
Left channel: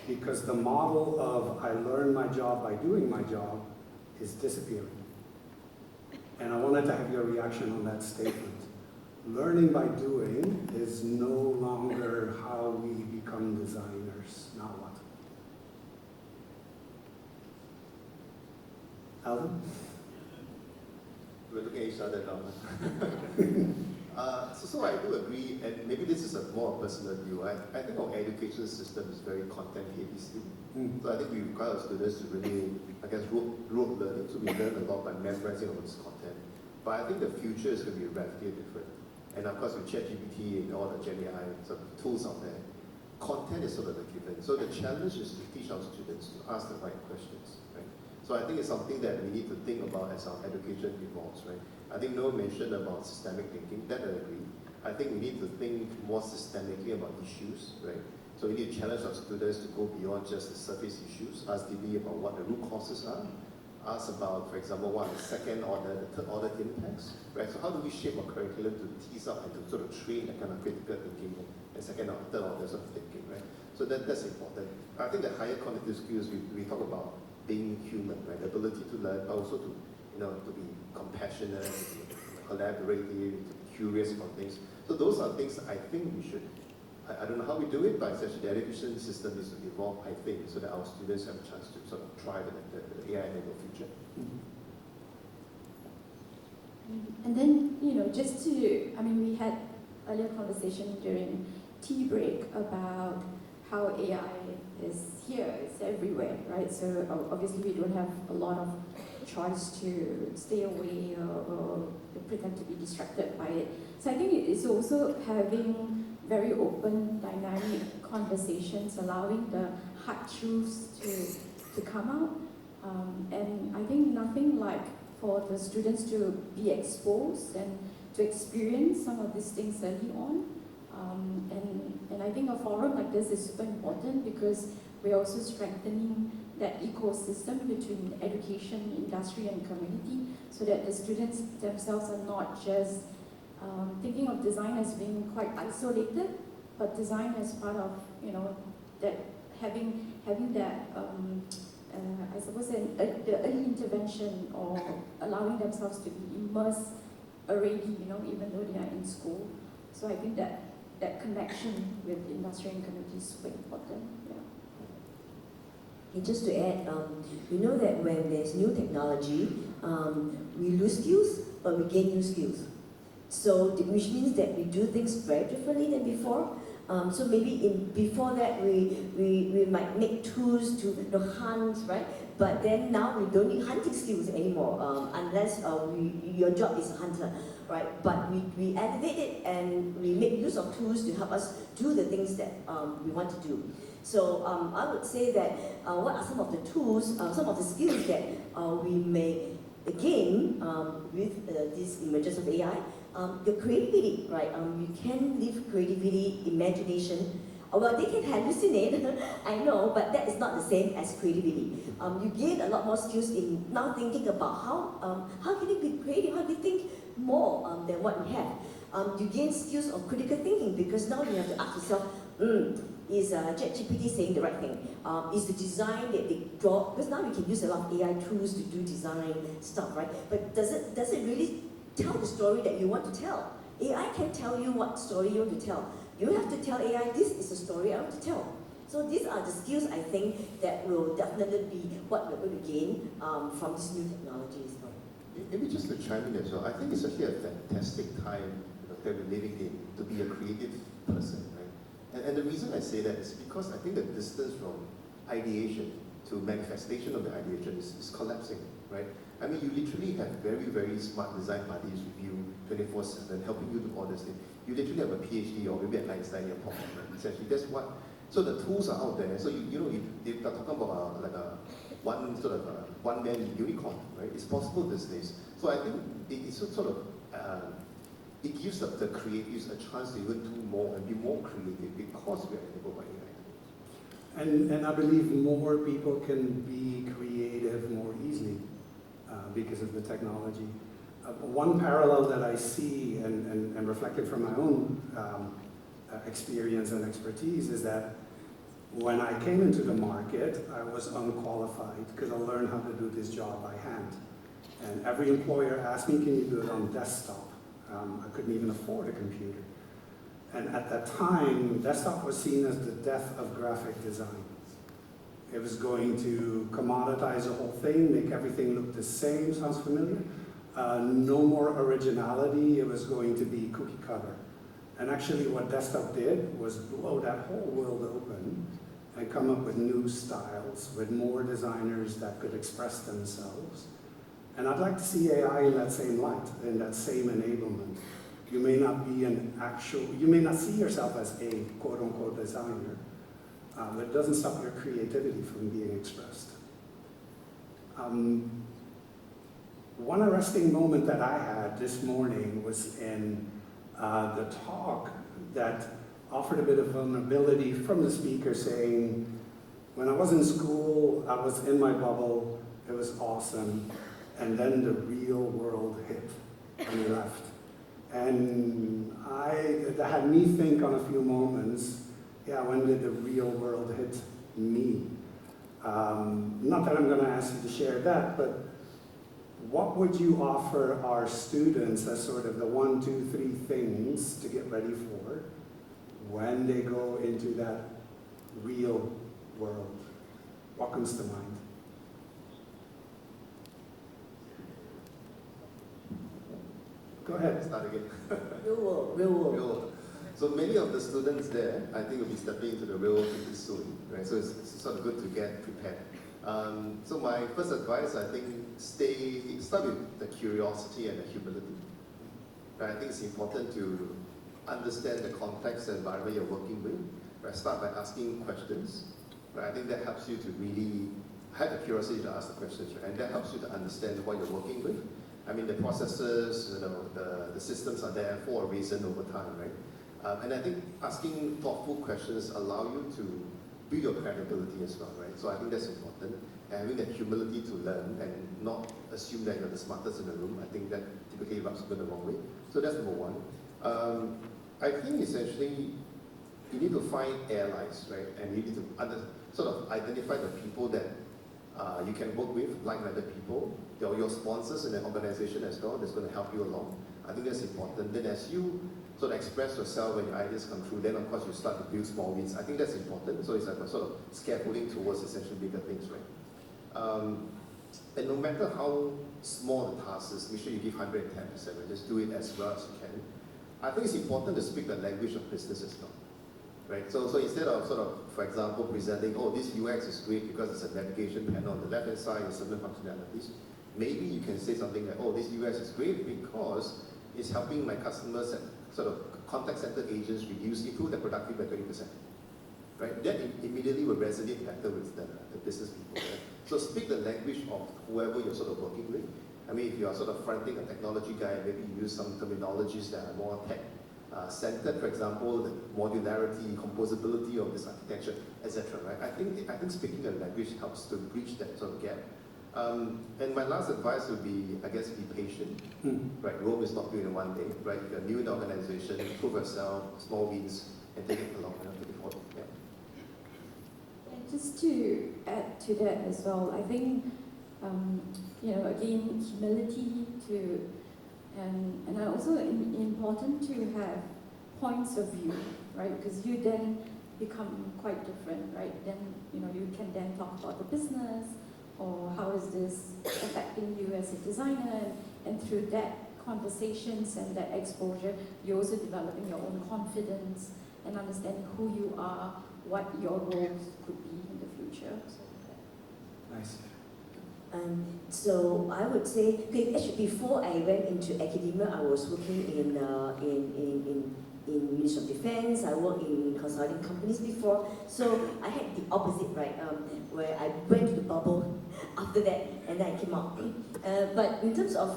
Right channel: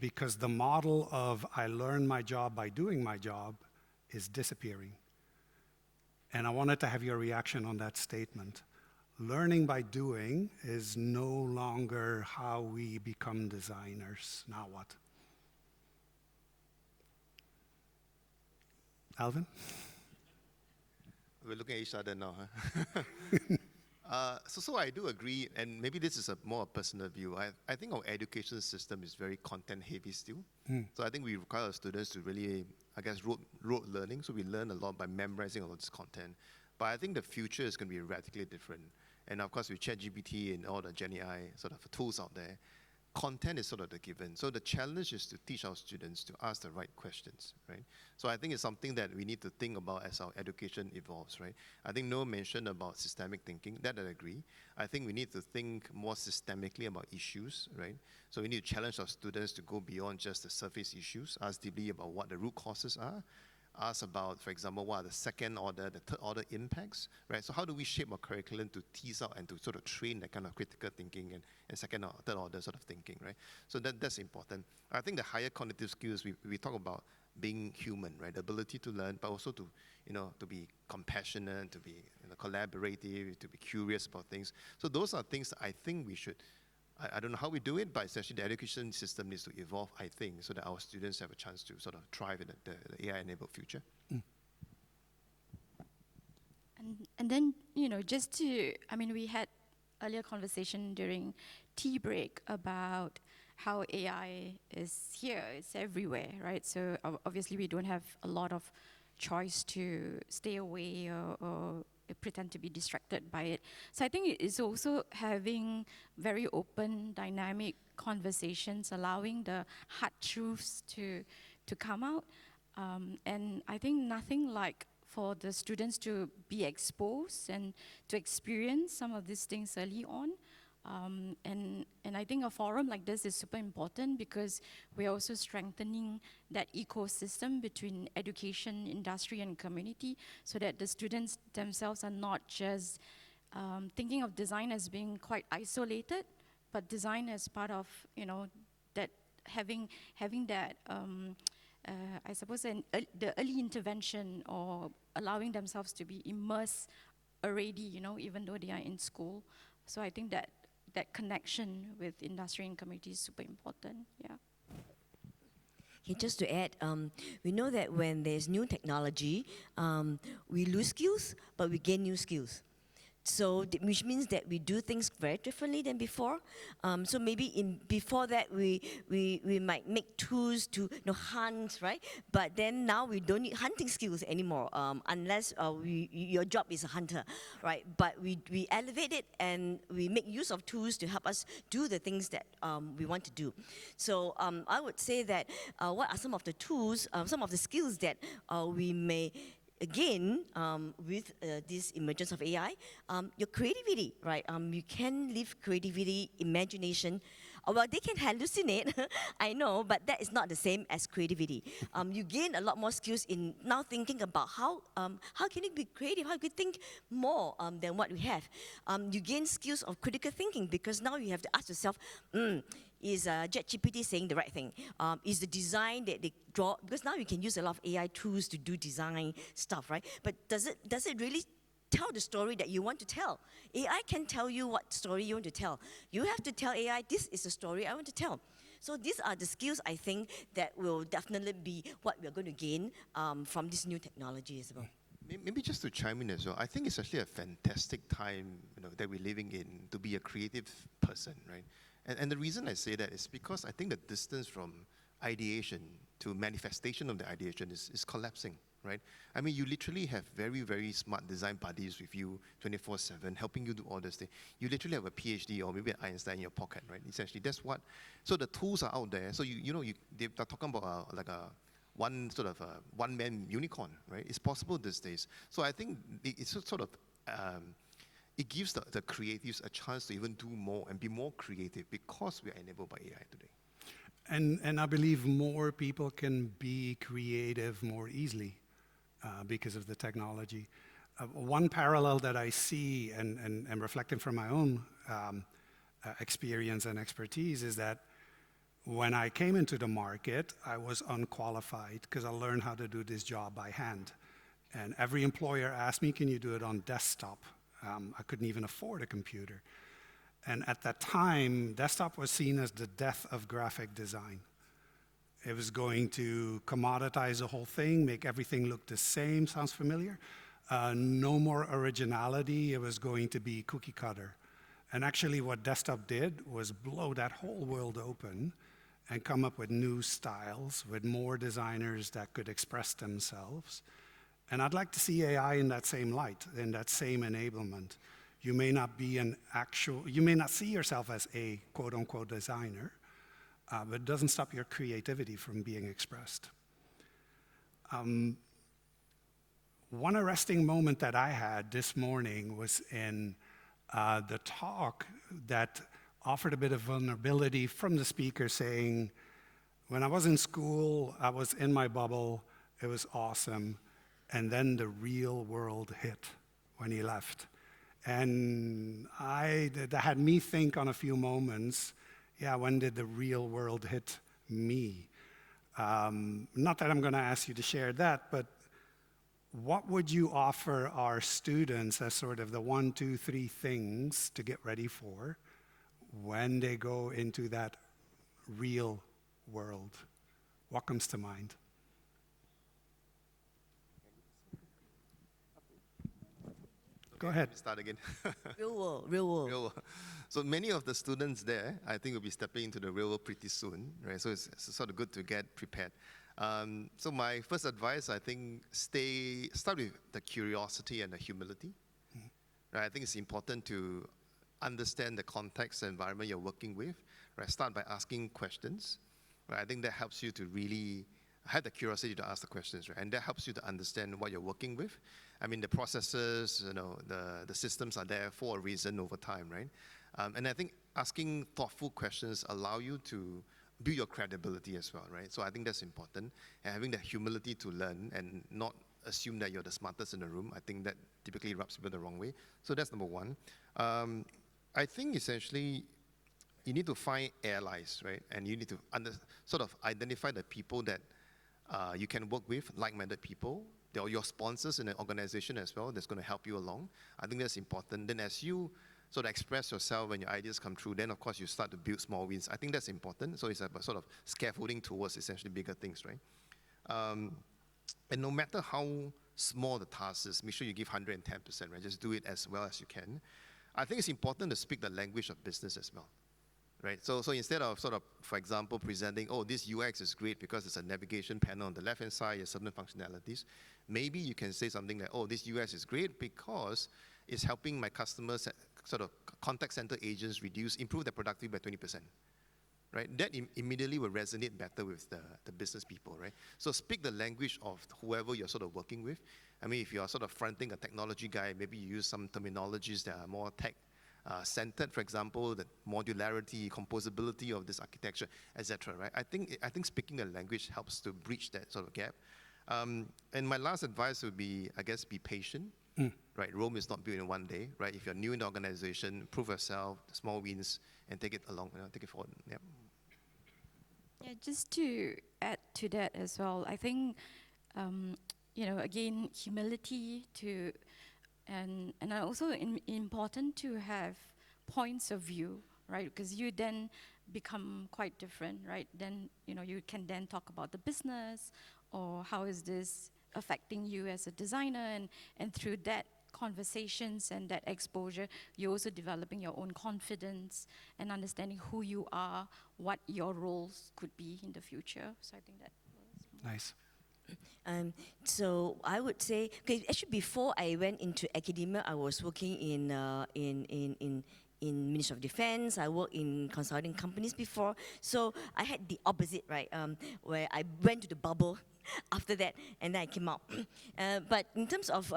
Because the model of I learn my job by doing my job is disappearing. And I wanted to have your reaction on that statement. Learning by doing is no longer how we become designers. Now what? Alvin? We're looking at each other now. So I do agree, and maybe this is a more personal view. I think our education system is very content heavy still. So I think we require students to really, rote learning, so we learn a lot by memorizing all this content. But I think the future is going to be radically different. And of course, with ChatGPT and all the Gen AI sort of tools out there, content is sort of the given. So the challenge is to teach our students to ask the right questions, right? So I think it's something that we need to think about as our education evolves, right? I think Noah mentioned about systemic thinking, that I agree. I think we need to think more systemically about issues, right? So we need to challenge our students to go beyond just the surface issues, ask deeply about what the root causes are, ask about, for example, what are the second order, the third order impacts, right? So how do we shape our curriculum to tease up and to sort of train that kind of critical thinking and second or third order sort of thinking, right? So that's important. I think the higher cognitive skills, we talk about being human, right? The ability to learn, but also to, to be compassionate, collaborative, to be curious about things. So those are things I think we should, I don't know how we do it, but essentially the education system needs to evolve, I think, so that our students have a chance to sort of thrive in the AI-enabled future. And then, just to, we had a little conversation during tea break about how AI is here, it's everywhere, right? So obviously we don't have a lot of choice to stay away or pretend to be distracted by it. So I think it's also having very open, dynamic conversations, allowing the hard truths to come out. And I think nothing like for the students to be exposed and to experience some of these things early on. And I think a forum like this is super important because we're also strengthening that ecosystem between education, industry, and community, so that the students themselves are not just thinking of design as being quite isolated, but design as part of, that having that, I suppose, the early intervention, or allowing themselves to be immersed already, even though they are in school. So I think that connection with industry and community is super important. And just to add, we know that when there's new technology, we lose skills, but we gain new skills. So, which means that we do things very differently than before. So maybe before that, we might make tools to hunt, right? But then now we don't need hunting skills anymore, unless your job is a hunter, right? But we elevate it and we make use of tools to help us do the things that we want to do. So I would say that what are some of the tools, some of the skills that we may gain with this emergence of AI? Your creativity, right? You can live creativity, imagination. Well, they can hallucinate, I know, but that is not the same as creativity. You gain a lot more skills in now thinking about how can you be creative, how can you think more than what we have. You gain skills of critical thinking, because now you have to ask yourself, is ChatGPT saying the right thing? Is the design that they draw, because now you can use a lot of AI tools to do design stuff, right? But does it really tell the story that you want to tell? AI can tell you what story you want to tell. You have to tell AI, this is the story I want to tell. So these are the skills, I think, that will definitely be what we're going to gain from these new technologies. Maybe just to chime in as well, I think it's actually a fantastic time that we're living in to be a creative person, right? And the reason I say that is because I think the distance from ideation to manifestation of the ideation is collapsing, right? I mean, you literally have very, very smart design parties with you 24/7, helping you to model this thing. You literally have a PhD or maybe an Einstein in your pocket, right? Essentially, that's what. So the tools are out there. So they're talking about like a one-man unicorn, right? It's possible these days. So I think it's sort of it gives the creatives a chance to even do more and be more creative because we are enabled by AI. And I believe more people can be creative more easily because of the technology. One parallel that I see and reflected from my own experience and expertise is that when I came into the market, I was unqualified because I learned how to do this job by hand. And every employer asked me, can you do it on desktop? I couldn't even afford a computer. And at that time, desktop was seen as the death of graphic design. It was going to commoditize the whole thing, make everything look the same. Sounds familiar? No more originality. It was going to be cookie cutter. And actually what desktop did was blow that whole world open and come up with new styles, with more designers that could express themselves. And I'd like to see AI in that same light, in that same enablement. You may not be you may not see yourself as a quote-unquote designer, but it doesn't stop your creativity from being expressed. One arresting moment that I had this morning was in the talk that offered a bit of vulnerability from the speaker, saying, when I was in school, I was in my bubble, it was awesome, and then the real world hit and we left. And that had me think on a few moments, yeah, when did the real world hit me? Not that I'm going to ask you to share that, but what would you offer our students as sort of the 1, 2, 3 things to get ready for when they go into that real world? What comes to mind? Go ahead. Start again. Real world, real world. Real world. So many of the students there, I think, will be stepping into the real world pretty soon, right? So it's sort of good to get prepared. So my first advice, I think, start with the curiosity and the humility. Right? I think it's important to understand the context and environment you're working with. Right? Start by asking questions. Right? I think that helps you to really have the curiosity to ask the questions, right? And that helps you to understand what you're working with. I mean, the processes, the systems are there for a reason over time, right? And I think asking thoughtful questions allow you to build your credibility as well, right? So I think that's important. having that humility to learn and not assume that you're the smartest in the room. I think that typically rubs people the wrong way. So that's number one. I think essentially you need to find allies, right? And you need to sort of identify the people that you can work with, like-minded people. They are your sponsors in an organization as well that's going to help you along. I think that's important. Then as you sort of express yourself and your ideas come true, then of course you start to build small wins. I think that's important. So it's a sort of scaffolding towards essentially bigger things, right? And no matter how small the task is, make sure you give 110%, right? Just do it as well as you can. I think it's important to speak the language of business as well, right? So instead of sort of, for example, presenting, oh, this UX is great because it's a navigation panel on the left-hand side and certain functionalities, maybe you can say something like, oh, this UX is great because it's helping my customers and sort of contact center agents improve their productivity by 20%, right? That immediately will resonate better with the business people, right? So speak the language of whoever you're sort of working with. I mean, if you're sort of fronting a technology guy, maybe you use some terminologies that are more tech-centered, for example, the modularity, composability of this architecture, etc. Right? I think speaking the language helps to bridge that sort of gap. And my last advice would be, I guess, be patient. Right? Rome is not built in one day. Right? If you're new in the organization, prove yourself, small wins, and take it along and take it forward. Yeah, just to add to that as well, I think again, humility and also important to have points of view, right? Because you then become quite different, right? Then you can then talk about the business or how is this affecting you as a designer, and through that conversations and that exposure, you're also developing your own confidence and understanding who you are, what your roles could be in the future. So Nice. So I would say, actually before I went into academia, I was working in Ministry of Defense. I worked in consulting companies before. So I had the opposite, right? Where I went to the bubble after that, and then I came out. But in terms of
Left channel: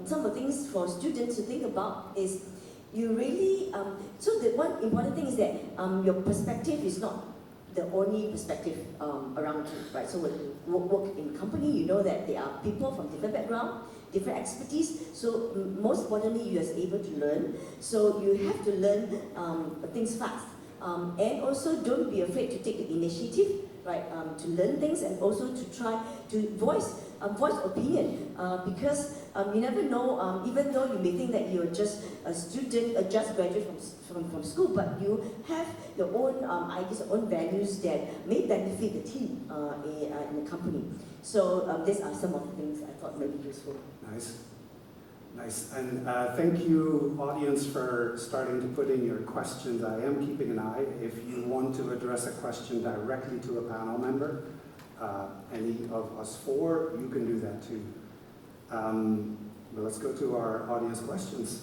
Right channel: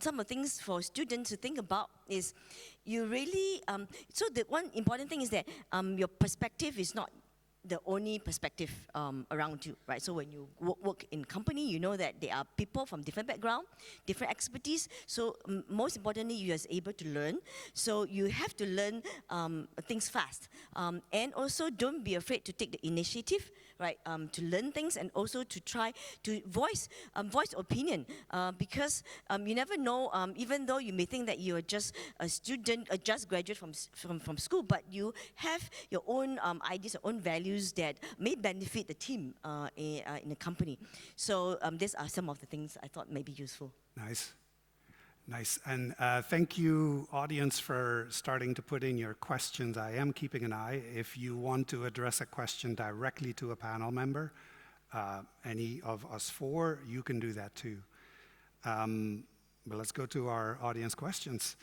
some of the things for students to think about is you really. So the one important thing is that your perspective is not the only perspective around you, right? So when you work in company, you know that there are people from different background, different expertise. So most importantly, you are able to learn. So you have to learn things fast. And also don't be afraid to take the initiative, right? To learn things and also to try to voice opinion. Because you never know, even though you may think that you're just a student, just graduate from school, but you have your own ideas, your own values that may benefit the team in the company. So these are some of the things I thought may be useful. Nice. Nice. And thank you, audience, for starting to put in your questions. I am keeping an eye. If you want to address a question directly to a panel member, any of us four, you can do that too. But let's go to our audience questions.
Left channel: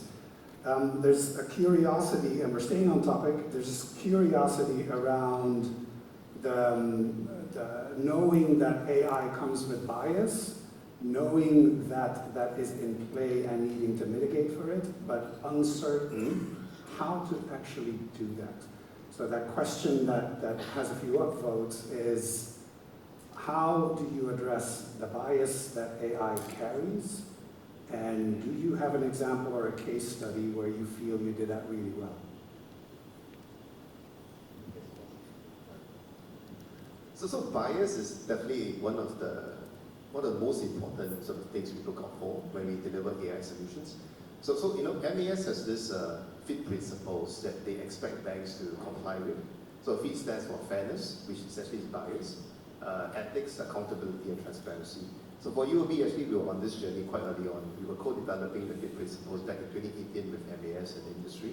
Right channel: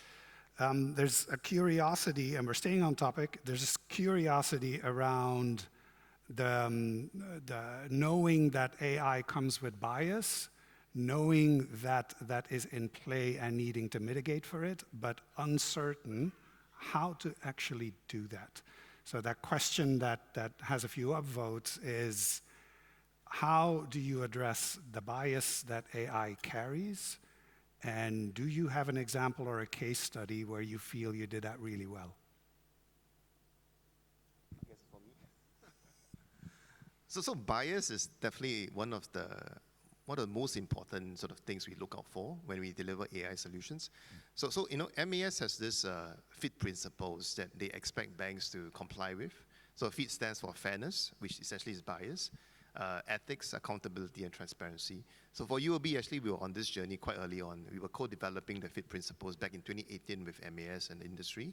There's a curiosity, and we're staying on topic, there's curiosity around the knowing that AI comes with bias, knowing that that is in play and needing to mitigate for it, but uncertain how to actually do that. So that question that has a few upvotes is, how do you address the bias that AI carries? And do you have an example or a case study where you feel you did that really well? So bias is definitely one of the most important sort of things we look out for when we deliver AI solutions. So MAS has this FIT principles that they expect banks to comply with. So FIT stands for fairness, which essentially is bias, ethics, accountability, and transparency. So for UOB, actually, we were on this journey quite early on. We were co-developing the FIT principles back in 2018 with MAS and industry.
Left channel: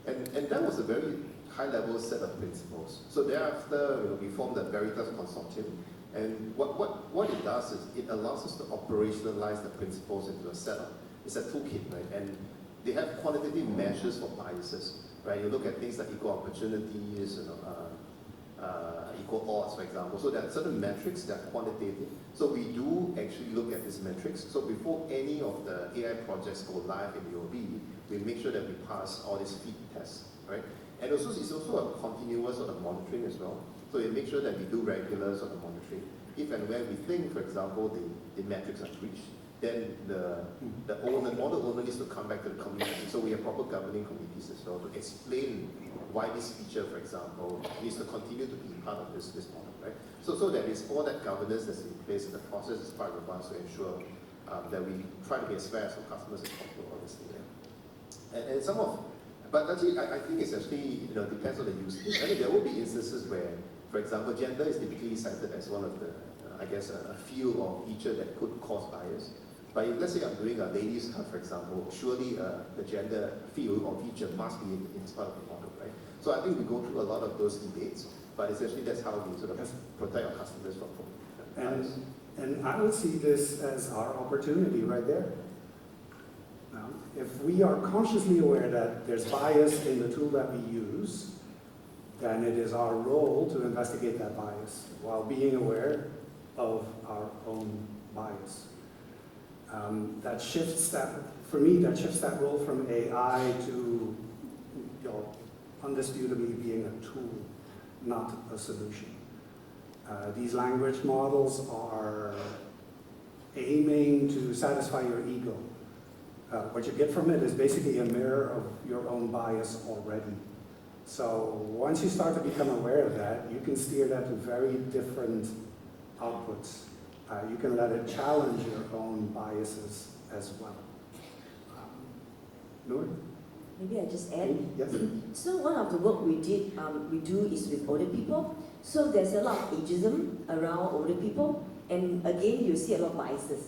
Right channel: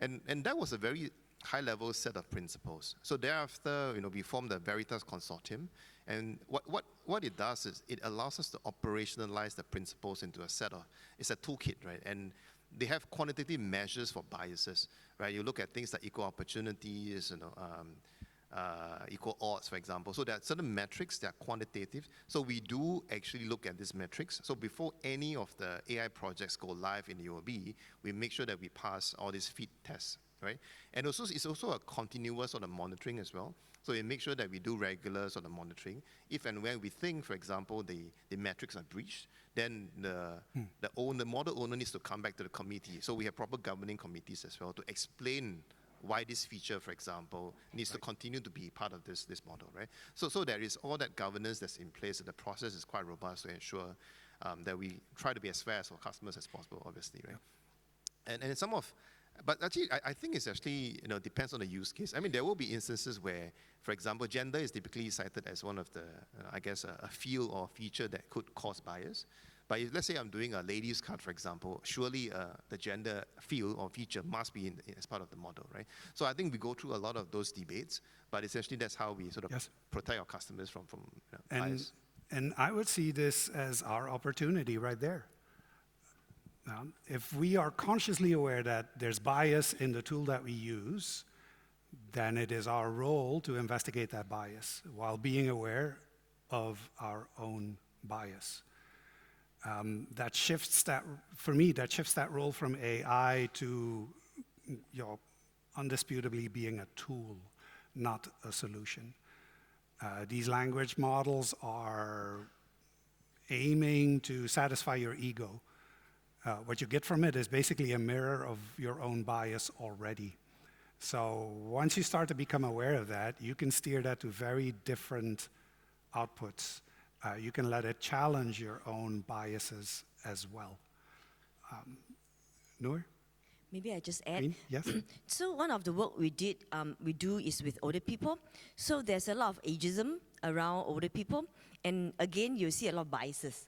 And that was a very high-level set of principles. So thereafter, we formed the Veritas Consortium. And what it does is it allows us to operationalize the principles into a set of, it's a toolkit, right? And they have quantitative measures for biases, right? You look at things like equal opportunities, equal odds, for example. So there are certain metrics that are quantitative. So we do actually look at these metrics. So before any of the AI projects go live in UOB, we make sure that we pass all these FIT tests, right? And also, it's also a continuous sort of monitoring as well. So we make sure that we do regular sort of monitoring. if and when we think, for example, the metrics are reached, then the model owner needs to come back to the committee. So we have proper governing committees as well to explain why this feature, for example, needs to continue to be part of this model, right? So there is all that governance that's in place. The process is quite robust to ensure that we try to be as fair for customers as possible, obviously, right? And some of, but actually, I think it's actually, depends on the use case. I mean, there will be instances where, for example, gender is typically cited as one of the, a field or feature that could cause bias. But if, let's say I'm doing a ladies card, for example, surely the gender field or feature must be in part of the model, right? So I think we go through a lot of those debates, but essentially that's how we sort of protect our customers from bias. And I would see this as our opportunity right there. If we are consciously aware that there's bias in the tool that we use, then it is our role to investigate that bias while being aware of our own bias. For me, that shifts that role from AI to, undisputably being a tool, not a solution. These language models are aiming to satisfy your ego. What you get from it is basically a mirror of your own bias already. So once you start to become aware of that, you can steer that to very different outputs. You can let it challenge your own biases as well. Noor? Maybe I just add. Yes. So one of the work we do is with older people. So there's a lot of ageism around older people, and again, you see a lot of biases.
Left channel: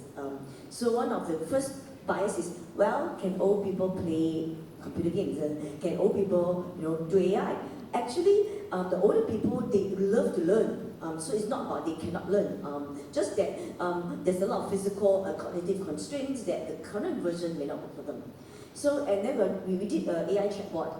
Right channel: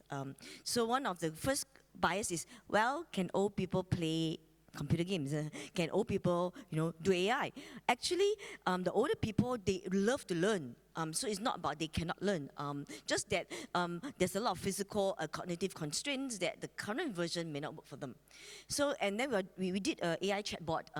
So one of the first bias is, well, can old people play computer games? Can old people, do AI? Actually, the older people, they love to learn. So it's not about they cannot learn. Just that there's a lot of physical cognitive constraints that the current version may not offer them. So, and then we did an AI chatbot,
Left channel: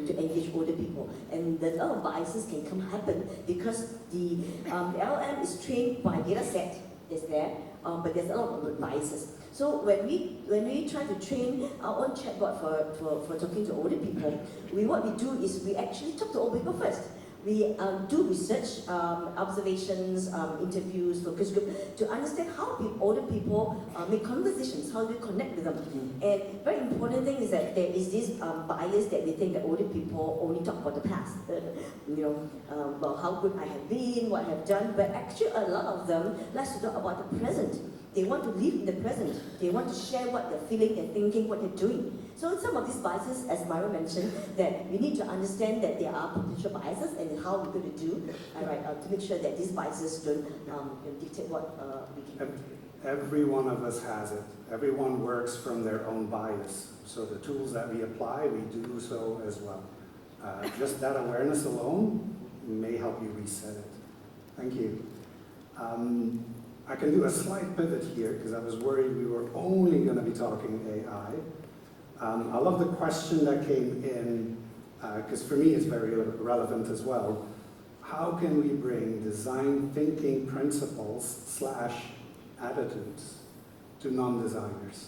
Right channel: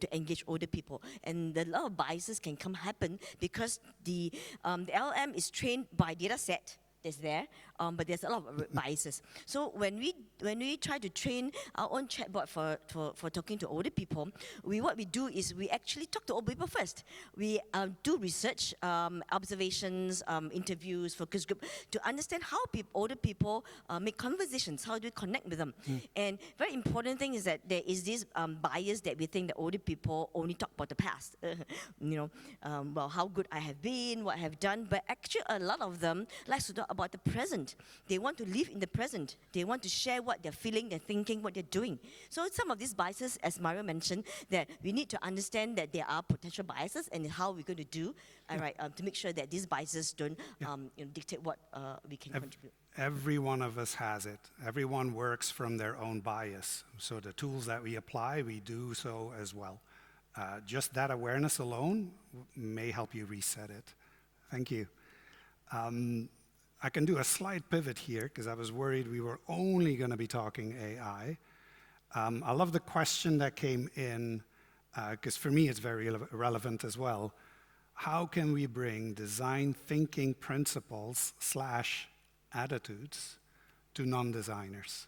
to engage older people. And a lot of biases can happen because the LLM is trained by data set that's there, but there's a lot of biases. So when we try to train our own chatbot for talking to older people, what we do is we actually talk to old people first. We do research, observations, interviews, focus group to understand how older people make conversations, how do we connect with them. And very important thing is that there is this bias that we think that older people only talk about the past. Well, how good I have been, what I have done, but actually a lot of them like to talk about the present. They want to live the present. They want to share what they're feeling, they're thinking, what they're doing. So some of these biases, as Mario mentioned, that we need to understand that there are potential biases and how we're going to do to make sure that these biases don't dictate what we can do. Every one of us has it. Everyone works from their own bias. So the tools that we apply, we do so as well. Just that awareness alone may help you reset it. Thank you. I can do a slight pivot here because I was worried we were only going to be talking AI. I love the question that came in because for me it's very relevant as well. How can we bring design thinking principles / attitudes to non-designers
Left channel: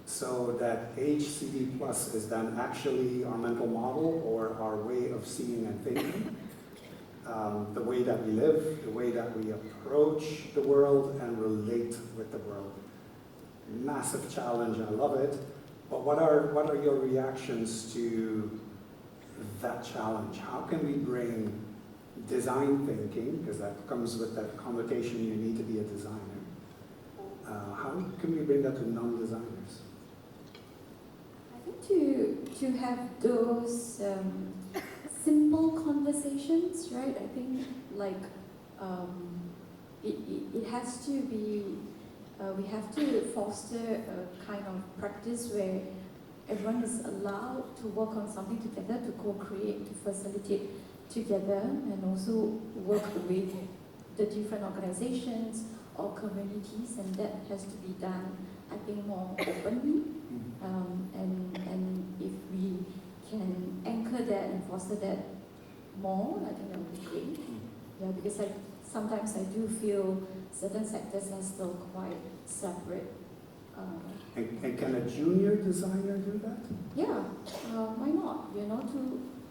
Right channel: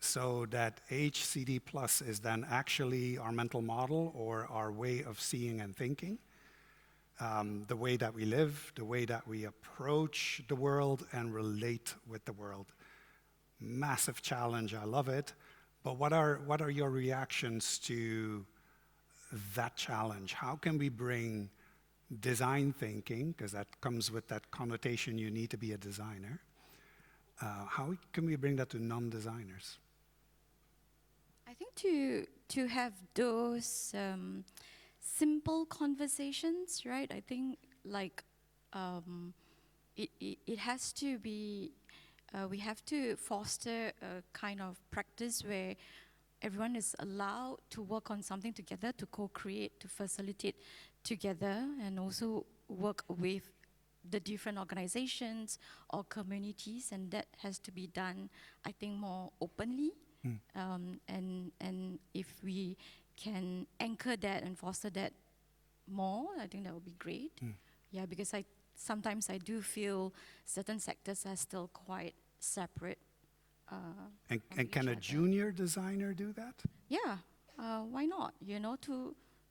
so that HCD plus is then actually our mental model or our way of seeing and thinking? The way that we live, the way that we approach the world and relate with the world. Massive challenge, I love it. But what are your reactions to that challenge? How can we bring design thinking, because that comes with that connotation you need to be a designer, how can we bring that to non-designers? I think to have those simple conversations, right? I think it has to be, we have to foster a kind of practice where everyone is allowed to work on something together, to co-create, to facilitate together, and also work with the different organizations or communities, and that has to be done, I think, more openly. And if we can anchor that and foster that more, I think that would be great. Yeah, because sometimes I do feel certain sectors are still quite separate. And can a junior designer do that? Yeah, why not?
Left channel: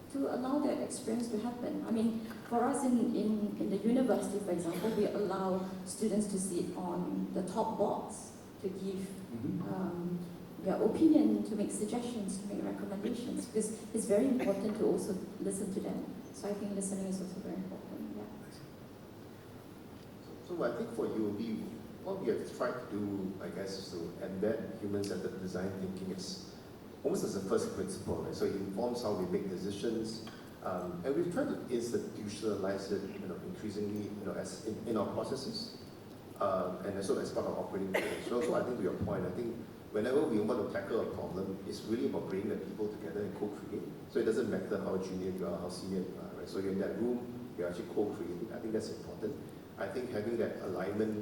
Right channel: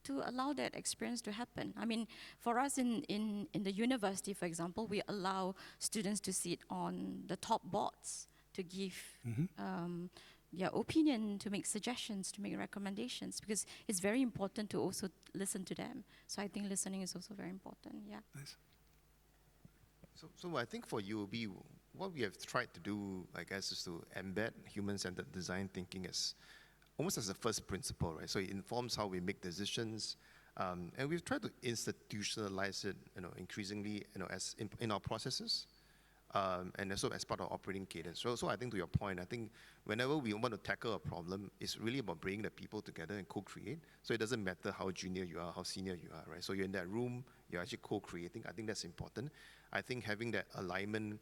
To allow that experience to happen. I mean, for us in the university, for example, we allow students to sit on the top boards to give Mhm. their opinion, to make suggestions, to make recommendations, because it's very important to also listen to them. So I think listening is also very important. Yeah. So I think for you, what we have tried to do, I guess, to embed human-centered design thinking is almost as a first principle, right? So it informs how we make decisions, and we've tried to institutionalize it, increasingly, as in our processes, and also as part of our operating cadence. So I think to your point, I think whenever we want to tackle a problem, it's really about bringing the people together and co-create. So it doesn't matter how junior you are, how senior you are, right? So you're in that room, you're actually co-creating. I think that's important. I think having that alignment,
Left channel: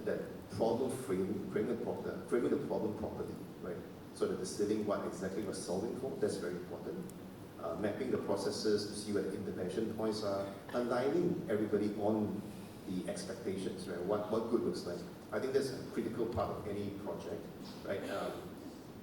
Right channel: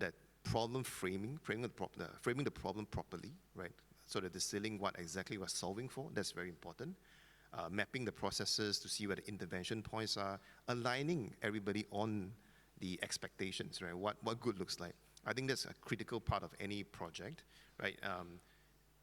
that problem framing the problem properly, right? So that distilling what exactly we're solving for, that's very important. Mapping the processes to see where the intervention points are, aligning everybody on the expectations, right? What good looks like. I think that's a critical part of any project, right?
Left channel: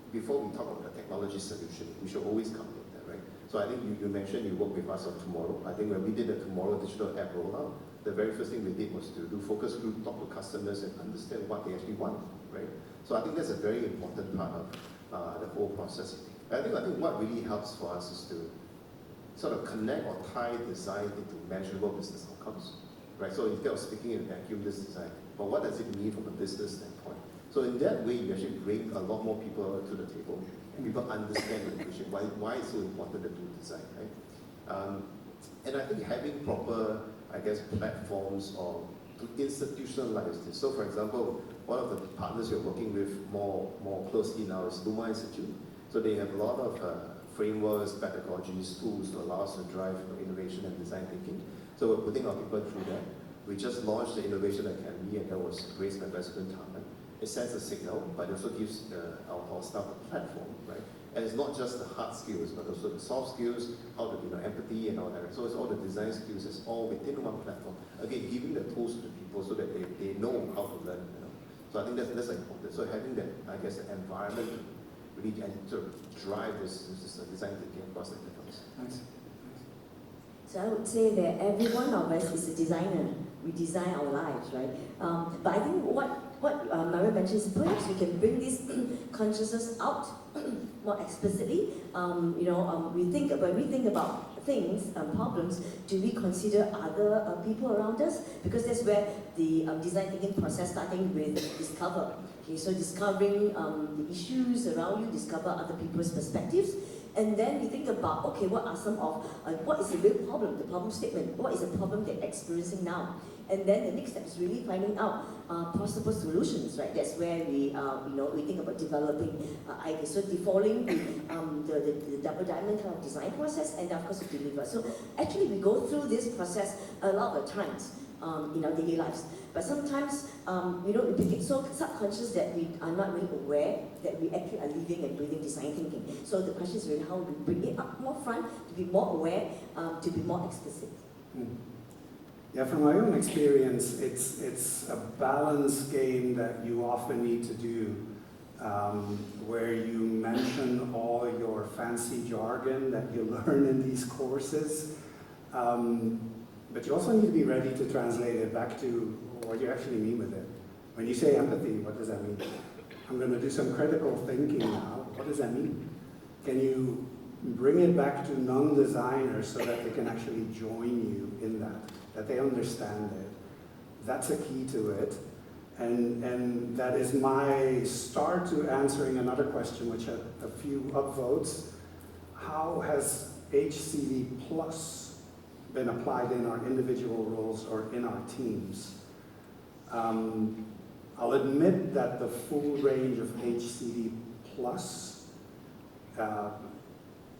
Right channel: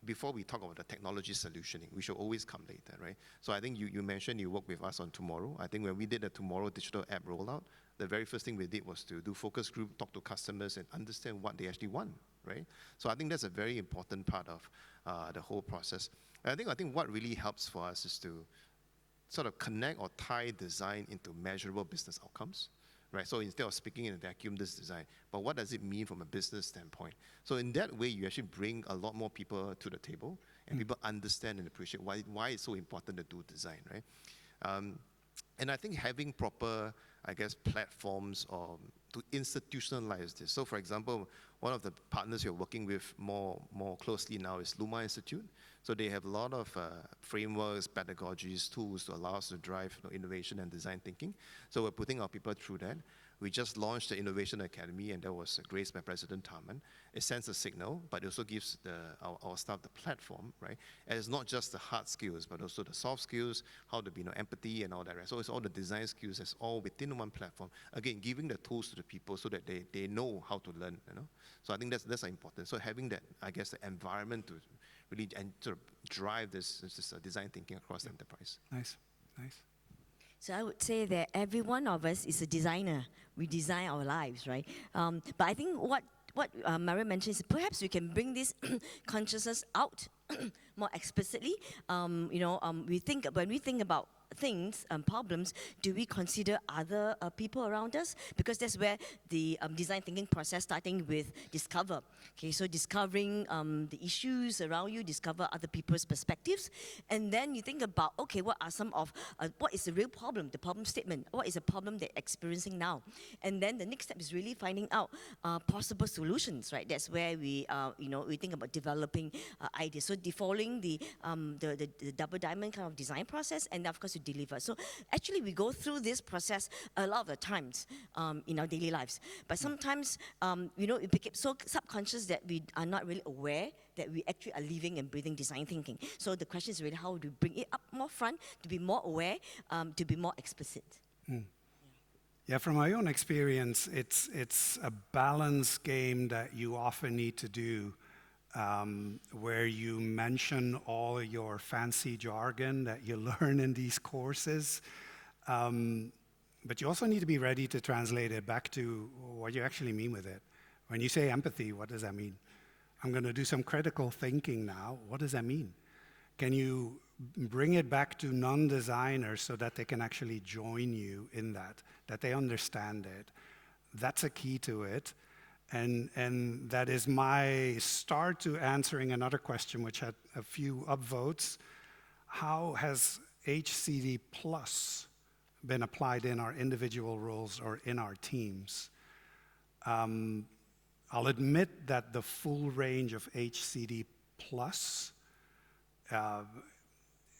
Before we talk about the technology solution, we should always come later, right? So I think you mentioned you work with us on Tomorrow. I think when we did the Tomorrow digital app rollout, the very first thing we did was to do focus group, talk to customers, and understand what they actually want, right? So I think that's a very important part of the whole process. I think what really helps for us is to sort of connect or tie design into measurable business outcomes, right? So instead of speaking in a vacuum, this design, but what does it mean from a business standpoint? So in that way, you actually bring a lot more people to the table, and people understand and appreciate why it's so important to do design, right? And I think having proper, platforms or to institutionalize this. So for example, one of the partners you're working with more closely now is Luma Institute. So they have a lot of frameworks, pedagogies, tools to allow us to drive innovation and design thinking. So we're putting our people through that. We just launched the Innovation Academy, and that was graced by President Tarman. It sends a signal, but it also gives our staff a platform, right? And it's not just the hard skills, but also the soft skills, how to empathy and all that. So it's all the design skills, it's all within one platform. Again, giving the tools to people so that they know how to learn. So I think that's important. So having the environment to really sort of drive this design thinking across the enterprise. Nice. So I would say that every one of us is a designer. We design our lives, right? But I think what Mara mentioned is perhaps we can bring this consciousness out more explicitly. When we think about things, problems, do we consider other people around us? Because that's where the design thinking process starting with discover. Okay, so discovering the issues around you, discover other people's perspectives, and then you think about, okay, what are some of, what is the real problem, the problem statement, what is the problem they're experiencing now? And then the next step is really finding out possible solutions, right? That's where we think about developing ideas. So following the double diamond kind of design process, and of course we deliver. So actually we go through this process a lot of times in our daily lives. But sometimes, we become so subconscious that we are not really aware that we actually are living and breathing design thinking. So the question is really how we bring it up more front, to be more aware, to be more explicit. Yeah, from my own experience, it's a balance game that you often need to do, where you mention all your fancy jargon that you learn in these courses, but you also need to be ready to translate it back to what you actually mean with it. When you say empathy, what does that mean? I'm going to do some critical thinking now. What does that mean? Can you bring it back to non-designers so that they can actually join you in that they understand it? That's a key to it. And that is my start to answering another question, which had a few upvotes. How has HCD Plus been applied in our individual roles or in our teams? I'll admit that the full range of HCD Plus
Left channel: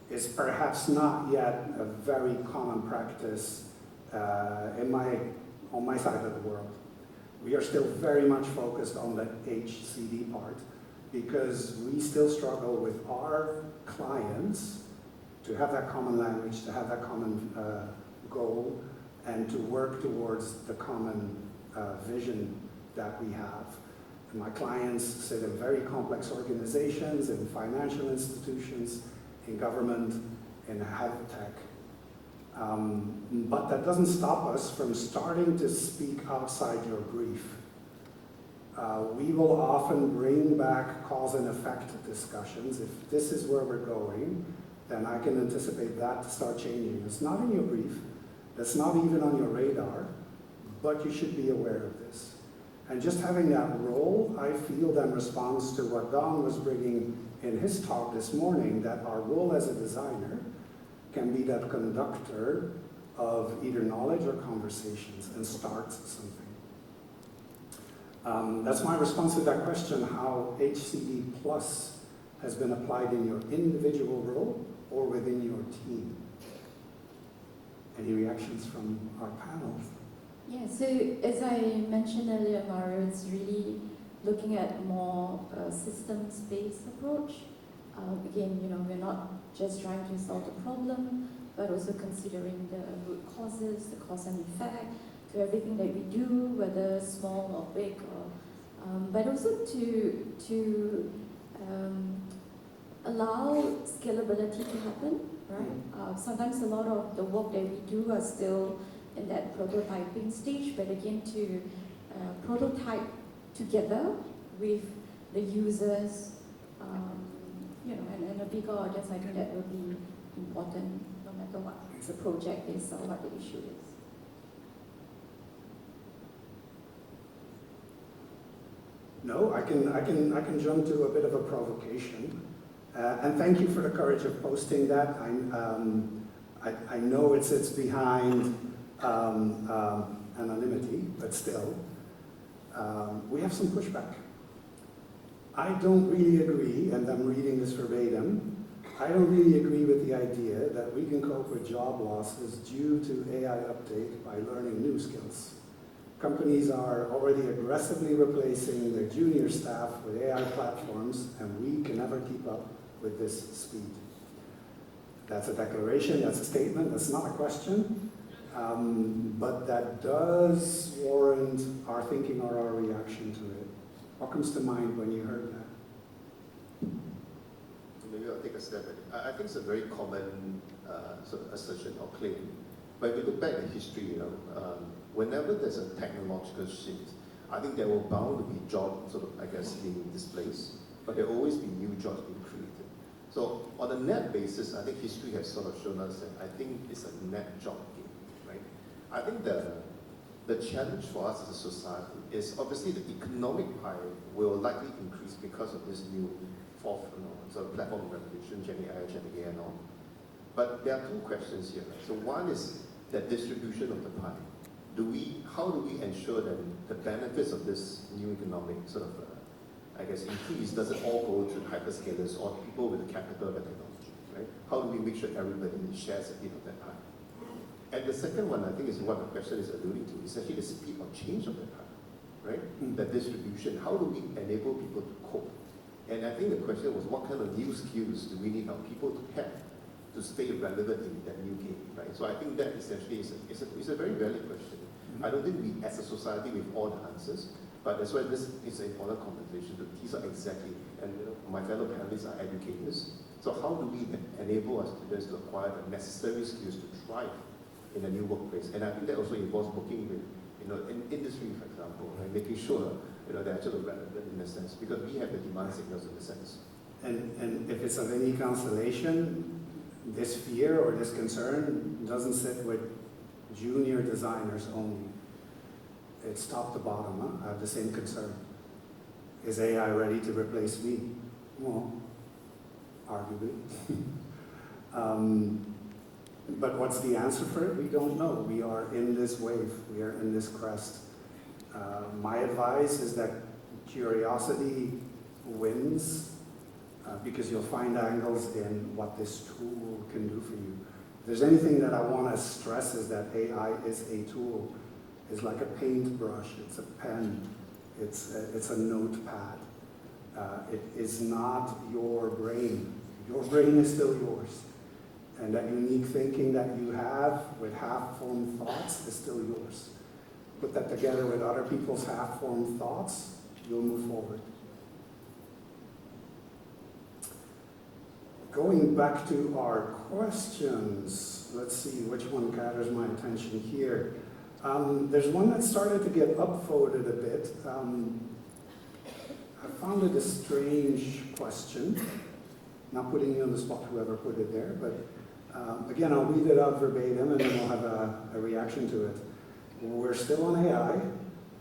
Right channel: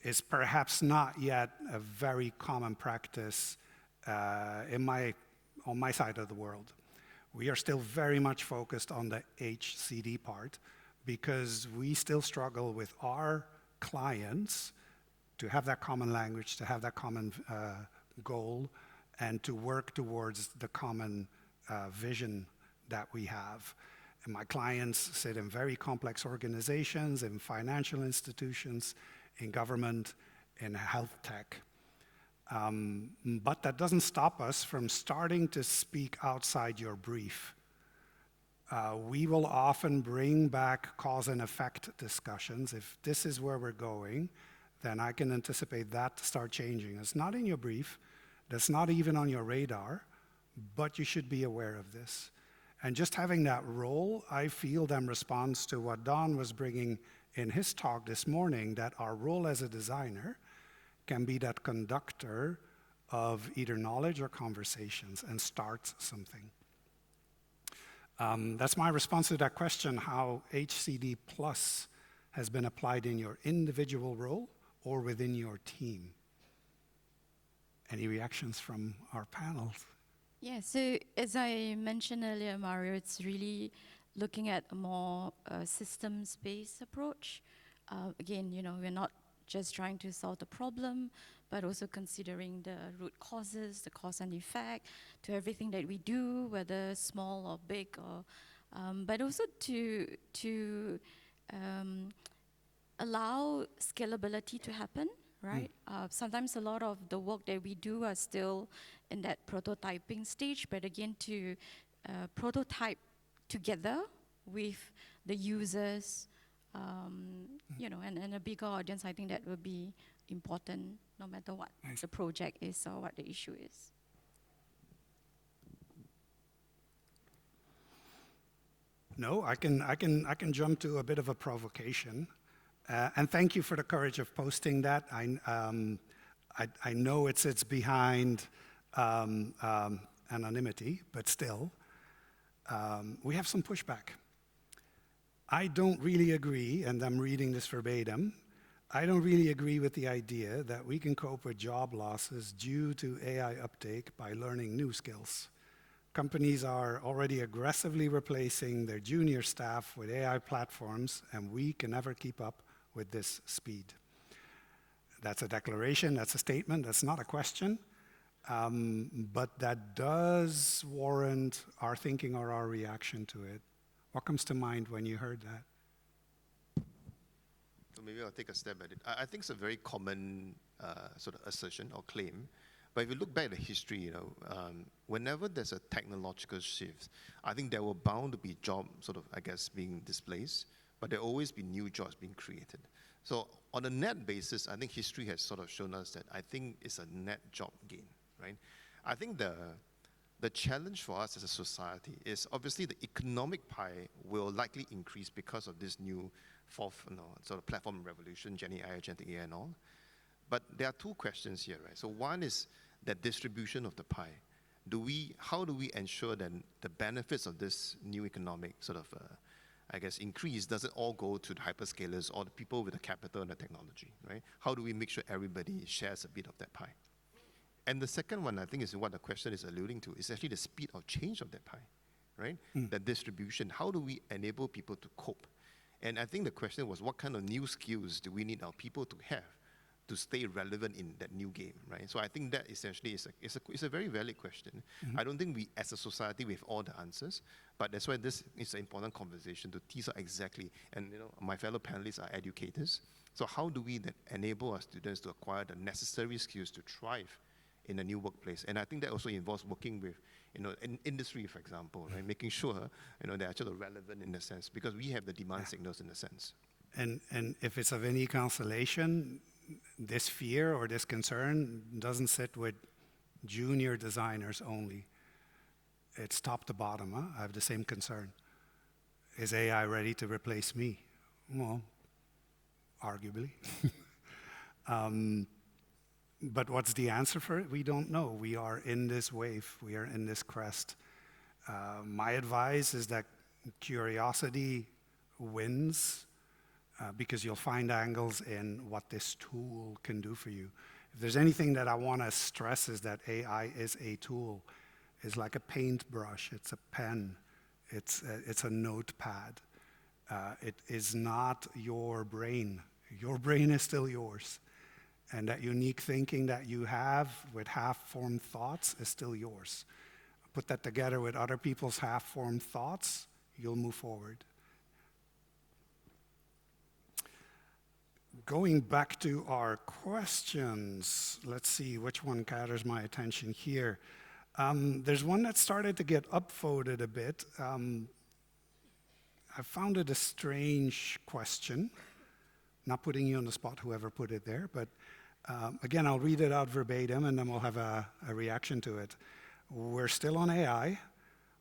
is perhaps not yet a very common practice on my side of the world. We are still very much focused on the HCD part because we still struggle with our clients to have that common language, to have that common goal, and to work towards the common vision that we have. And my clients sit in very complex organizations, in financial institutions, in government, in health tech. But that doesn't stop us from starting to speak outside your brief. We will often bring back cause and effect discussions. If this is where we're going, then I can anticipate that to start changing. It's not in your brief, that's not even on your radar, but you should be aware of this. And just having that role, I feel that responds to what Don was bringing in his talk this morning, that our role as a designer can be that conductor of either knowledge or conversations and starts something. That's my response to that question, how HCD Plus has been applied in your individual role or within your team. Any reactions from our panel? Yeah, so as I mentioned earlier, Mario, it's really looking at more systems-based approach. Again, we're not just trying to solve the problem, but also considering the root causes, the cause and effect to everything that we do, whether small or big, but also to allow scalability to happen, right? Sometimes a lot of the work that we do are still in that prototyping stage, but again, to prototype together with the users, and then a bigger audience, I think that will be important no matter what the project is or what the issue is. No, I can jump to a bit of a provocation, and thank you for the courage of posting that. I know it sits behind anonymity, but still, we have some pushback. I don't really agree, and I'm reading this verbatim, I don't really agree with the idea that we can cope with job losses due to AI uptake by learning new skills. Companies are already aggressively replacing their junior staff with AI platforms, and we can never keep up with this speed. That's a declaration, that's a statement, that's not a question, but that does warrant our thinking or our reaction to it. What comes to mind when you heard that? Maybe I'll take a step at it. I think it's a very common sort of assertion or claim. But if you look back in history, whenever there's a technological shift, I think there will bound to be jobs being displaced, but there will always be new jobs being created. So on a net basis, I think history has sort of shown us that I think it's a net job gain, right? I think the challenge for us as a society is obviously the economic pie will likely increase because of this new fourth sort of platform revolution, Gen AI, and all. But there are two questions here. So one is that distribution of the pie. How do we ensure that the benefits of this new economic increase doesn't all go to the hyperscalers or people with the capital and the technology, right? How do we make sure everybody shares a bit of that pie? And the second one, I think, is what the question is alluding to, is actually the speed of change of that pie, right? The distribution. How do we enable people to cope? And I think the question was, what kind of new skills do we need our people to have to stay relevant in that new game, right? So I think that essentially is a very valid question. I don't think we, as a society, we have all the answers, but that's why this is an important conversation to tease out exactly. And my fellow panelists are educators. So how do we then enable our students to acquire the necessary skills to thrive in a new workplace? And I think that also involves working with, in industry, for example, and making sure, they're actually relevant in a sense, because we have the demand signals in a sense. And if it's of any consolation, this fear or this concern doesn't sit with junior designers only. It's top to bottom. I have the same concern. Is AI ready to replace me? Well, arguably. But what's the answer for it? We don't know. We are in this wave. We are in this crest. My advice is that curiosity wins because you'll find angles in what this tool can do for you. If there's anything that I want to stress is that AI is a tool. It's like a paintbrush, it's a pen, it's a notepad. It is not your brain. Your brain is still yours. And that unique thinking that you have with half-formed thoughts is still yours. Put that together with other people's half-formed thoughts, you'll move forward. Going back to our questions, let's see which one gathers my attention here. There's one that started to get upvoted a bit. found it a strange question. Not putting you on the spot, whoever put it there, but again, I'll read it out verbatim and then we'll have a reaction to it. We're still on AI.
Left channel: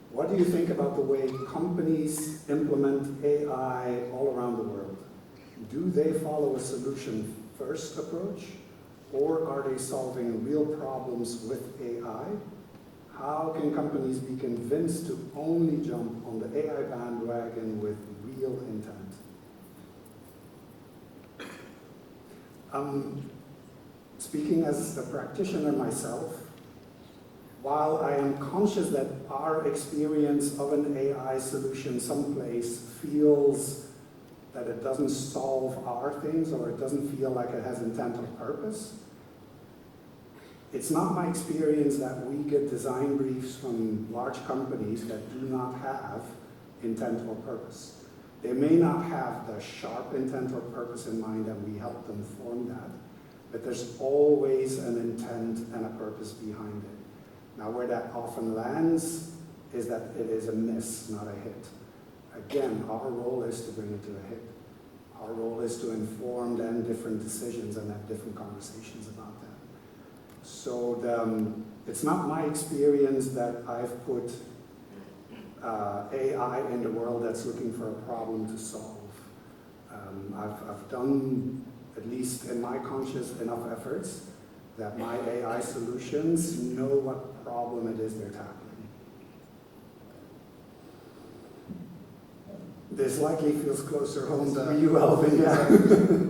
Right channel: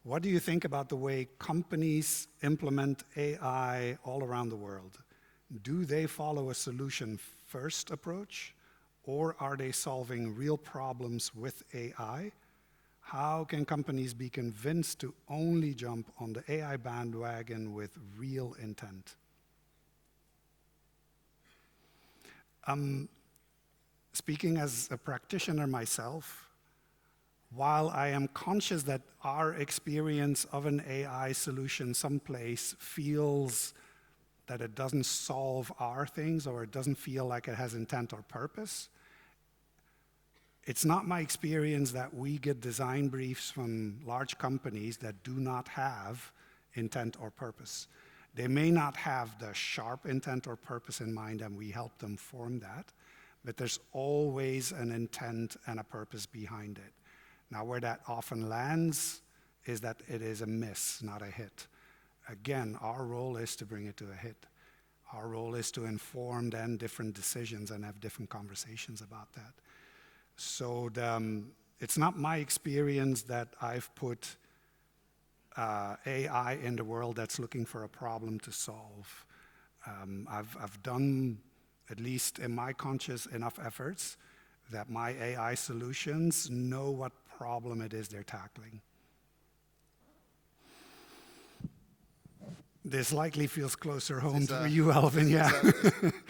What do you think about the way companies implement AI all around the world? Do they follow a solution-first approach, or are they solving real problems with AI? How can companies be convinced to only jump on the AI bandwagon with real intent? Speaking as a practitioner myself, while I am conscious that our experience of an AI solution someplace feels that it doesn't solve our things or it doesn't feel like it has intent or purpose, it's not my experience that we get design briefs from large companies that do not have intent or purpose. They may not have the sharp intent or purpose in mind that we help them form that, but there's always an intent and a purpose behind it. Now, where that often lands is that it is a miss, not a hit. Again, our role is to bring it to a hit. Our role is to inform then different decisions and have different conversations about that. So it's not my experience that I've put AI in the world that's looking for a problem to solve. I've done, at least in my conscious enough efforts, that my AI solutions know what problem it is they're tackling. This likely feels closer home to you, Alvin. Yeah.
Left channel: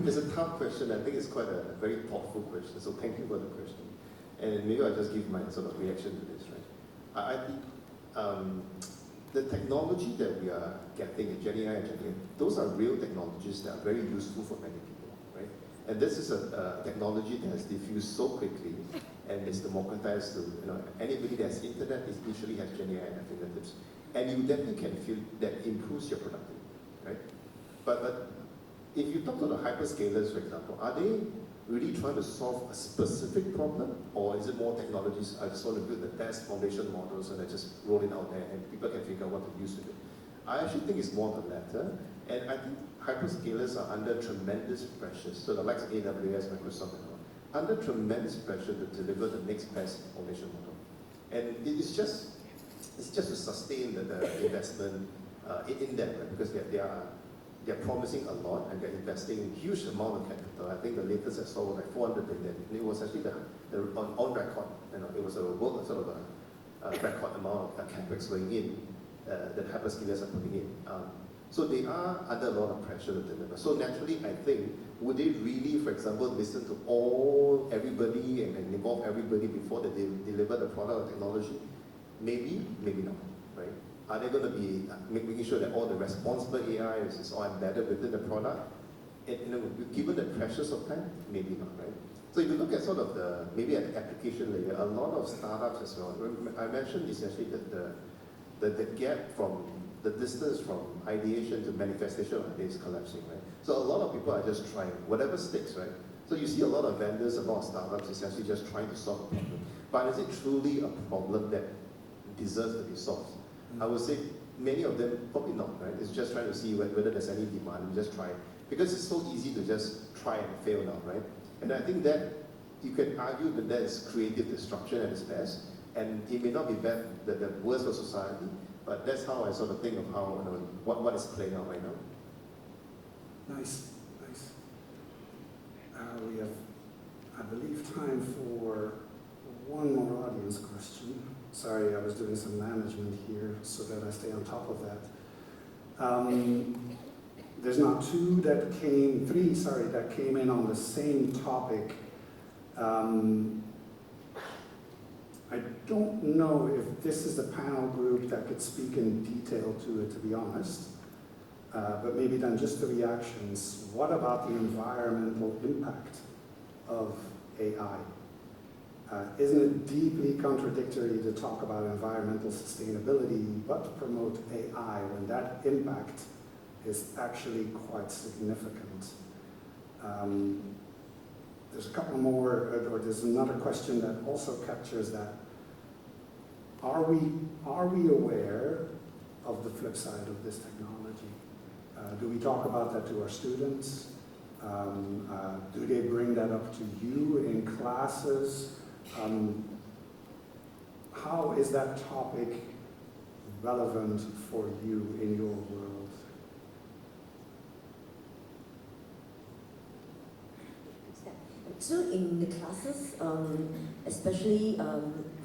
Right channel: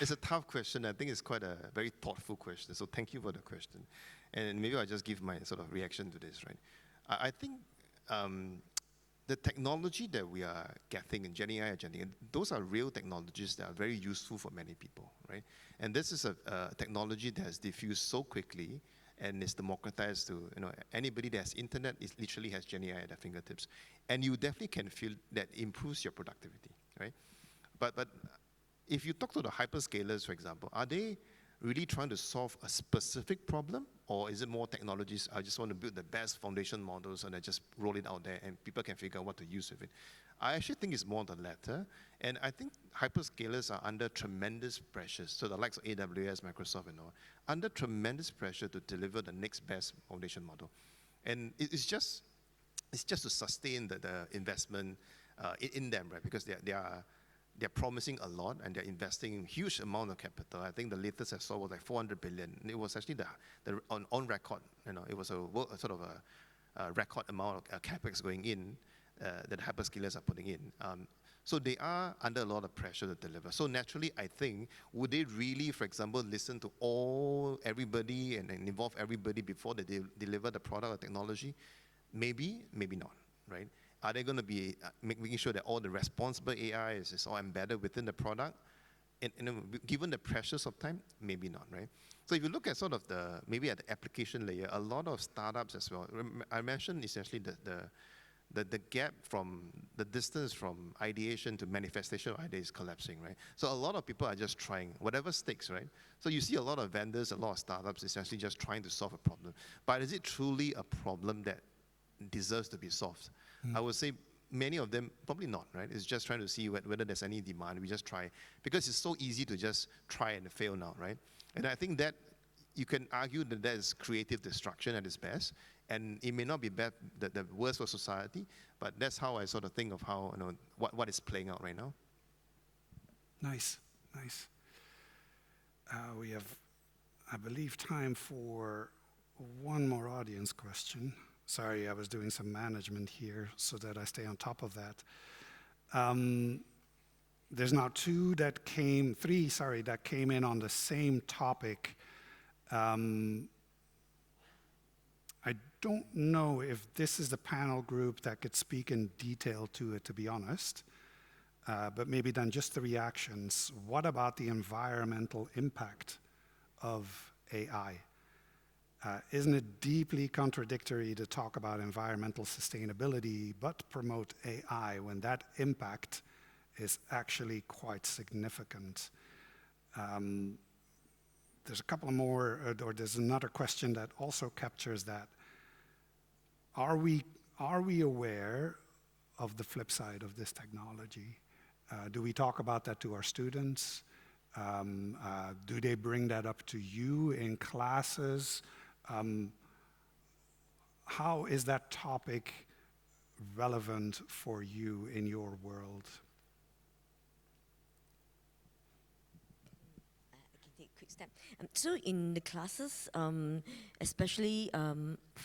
It's a tough question. I think it's quite a very thoughtful question. So thank you for the question. And maybe I'll just give my sort of reaction to this. Right? I think the technology that we are getting in Gen AI and Gen AI, those are real technologies that are very useful for many people. Right? And this is a technology that has diffused so quickly and is democratized to anybody that has internet is literally has Gen AI at their fingertips. And you definitely can feel that improves your productivity. Right? But if you talk to the hyperscalers, for example, are they really trying to solve a specific problem, or is it more technologies? I just want to build the best foundation model so that I just roll it out there and people can figure out what to use with it. I actually think it's more the latter, and I think hyperscalers are under tremendous pressure. So the likes of AWS, Microsoft, under tremendous pressure to deliver the next best foundation model, and it's just to sustain the investment in them, right? Because they're promising a lot and they're investing a huge amount of capital. I think the latest I saw was like 400 billion. And it was actually on record. It was a world sort of a record amount of capex going in that hyperscalers are putting in. So they are under a lot of pressure to deliver. So naturally, I think, would they really, for example, listen to everybody and involve everybody before they deliver the product or technology? Maybe, maybe not. Are they going to be making sure that all the responsible AI is all embedded within the product? And given the pressures of time, maybe not, right? So if you look at sort of maybe an application layer, a lot of startups as well. I mentioned essentially that the gap from the distance from ideation to manifestation of ideas is collapsing, right? So a lot of people are just trying whatever sticks, right? So you see a lot of vendors, a lot of startups essentially just trying to solve a problem. But is it truly a problem that deserves to be solved? I would say many of them probably not, right? It's just trying to see whether there's any demand. We just try. Because it's so easy to just try and fail now, right? And I think that you can argue that that's creative destruction at its best. And it may not be the worst for society, but that's how I sort of think of how what is playing out right now. Nice. We have, I believe, time for one more audience question. Sorry, I was doing some management here so that I stay on top of that. There's now three that came in on the same topic. I don't know if this is the panel group that could speak in detail to it, to be honest. But maybe then just the reactions. What about the environmental impact of AI? Isn't it deeply contradictory to talk about environmental sustainability but promote AI when that impact is actually quite significant? There's a couple more, or there's another question that also captures that. Are we aware of the flip side of this technology? Do we talk about that to our students? Do they bring that up to you in classes? How is that topic relevant for you in your world? So in the classes, especially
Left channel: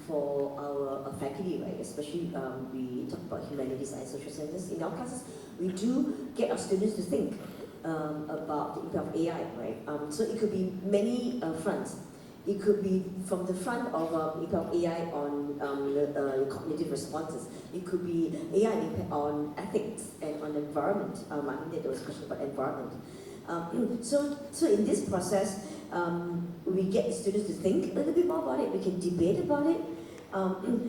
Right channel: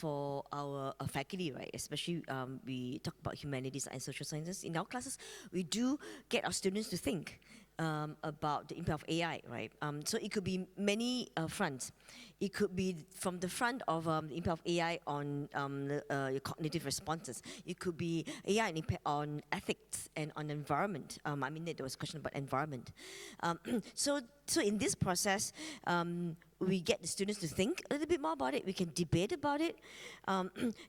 for our faculty, right, especially we talk about humanities and social sciences, in our classes, we do get our students to think about the impact of AI, right? So it could be many fronts. It could be from the front of impact of AI on cognitive responses. It could be AI impact on ethics and on environment. I mean, there was a question about environment. So in this process, we get students to think a little bit more about it. We can debate about it.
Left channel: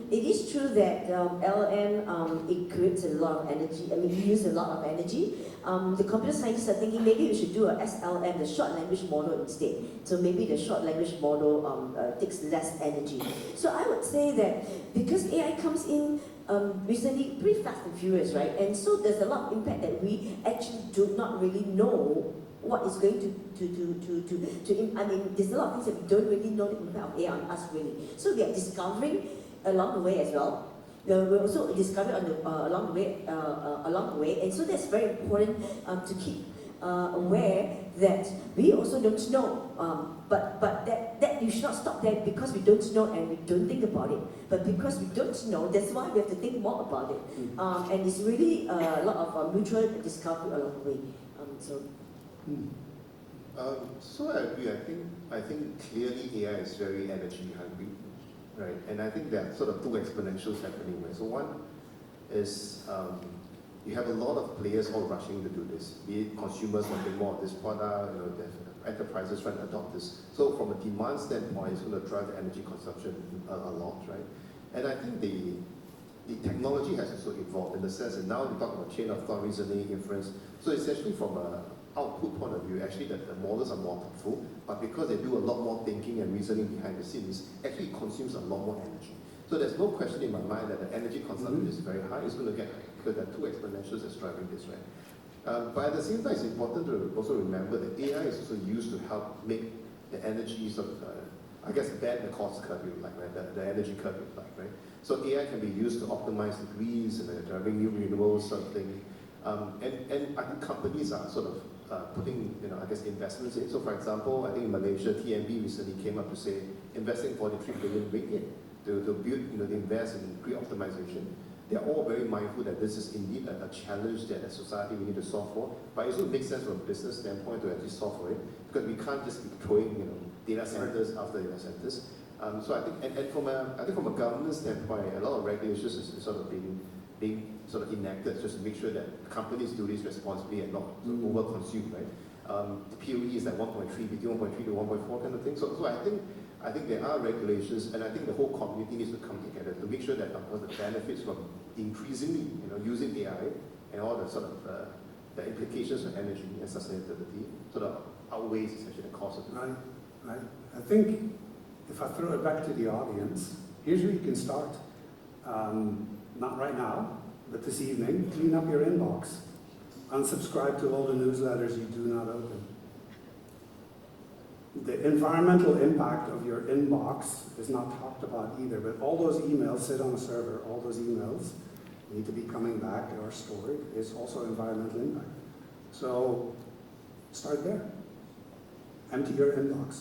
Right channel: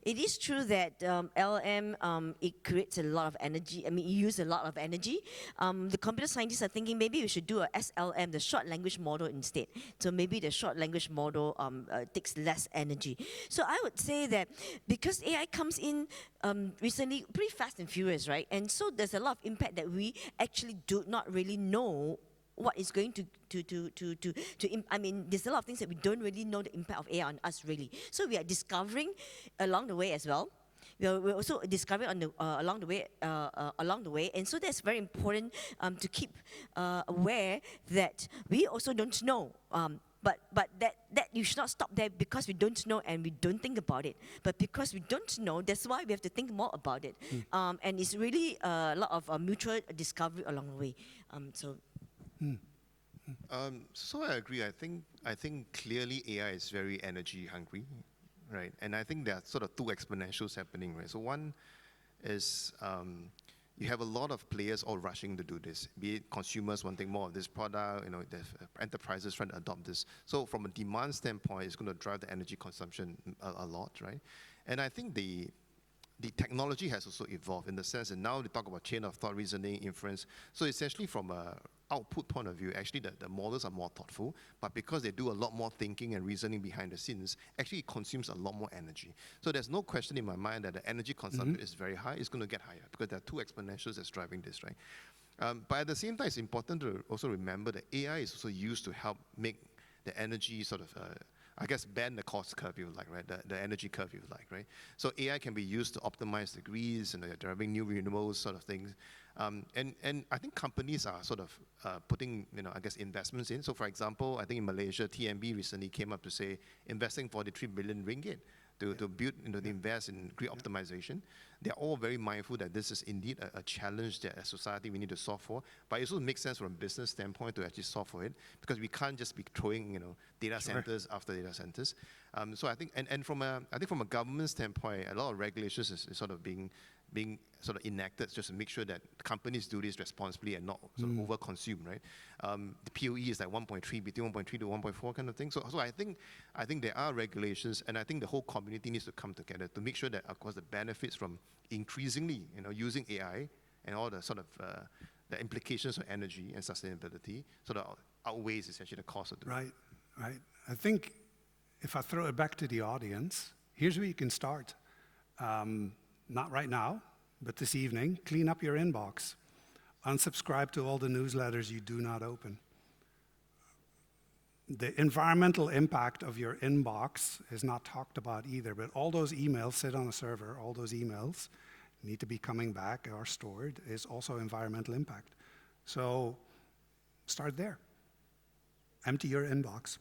It is true that LLM, it creates a lot of energy. I mean, you use a lot of energy. The computer scientists are thinking maybe we should do a SLM, the short language model instead. So maybe the short language model takes less energy. So I would say that because AI comes in recently pretty fast and furious, right? And so there's a lot of impact that we actually do not really know what is going to I mean, there's a lot of things that we don't really know the impact of AI on us really. So we are discovering along the way as well. We're also discovering along the way, and so that's very important to keep aware that we also don't know. But that you should not stop there because we don't know and we don't think about it. But because we don't know, that's why we have to think more about it. And it's really a lot of mutual discovery along the way. So I agree. I think clearly AI is very energy hungry, right? And I think there are sort of two exponentials happening, right? So one is you have a lot of players all rushing to do this. Be it consumers wanting more of this product, enterprises trying to adopt this. So from a demand standpoint, it's going to drive the energy consumption a lot, right? And I think the technology has also evolved in the sense that now we talk about chain of thought reasoning, inference. So essentially from an output point of view, actually the models are more thoughtful, but because they do a lot more thinking and reasoning behind the scenes, actually it consumes a lot more energy. So there's no question in my mind that the energy consumption is very high. It's going to get higher because there are two exponentials that's driving this, right? But at the same time, it's important to also remember that AI is also used to help make the energy sort of, I guess, bend the cost curve, if you like, right? The energy curve, if you like, right? So AI can be used to optimize the grids and driving new renewables sort of thing. And I think companies are sort of putting, I guess, the investments in. So, for example, I think in Malaysia, TMB recently came up to say investing 43 billion ringgit to build, to invest in grid optimization. They are all very mindful that this is indeed a challenge that as a society we need to solve for. But it also makes sense from a business standpoint to actually solve for it because we can't just be throwing, data centers after data centers. So I think, and from a government standpoint, a lot of regulations is sort of being sort of enacted just to make sure that companies do this responsibly and not sort of over-consume, right? The POE is like 1.3, between 1.3 to 1.4 kind of thing. So I think there are regulations, and I think the whole community needs to come together to make sure that, of course, the benefits from increasingly, using AI and all the sort of the implications of energy and sustainability sort of outweighs essentially the cost of it. Right. I think if I throw it back to the audience, here's where you can start. Not right now, but this evening, clean up your inbox. Unsubscribe to all the newsletters you do not open. The environmental impact of your inbox is not talked about either, but all those emails sit on a server, all those emails need to be coming back or stored, is also environmental impact. So start there. Empty your inbox.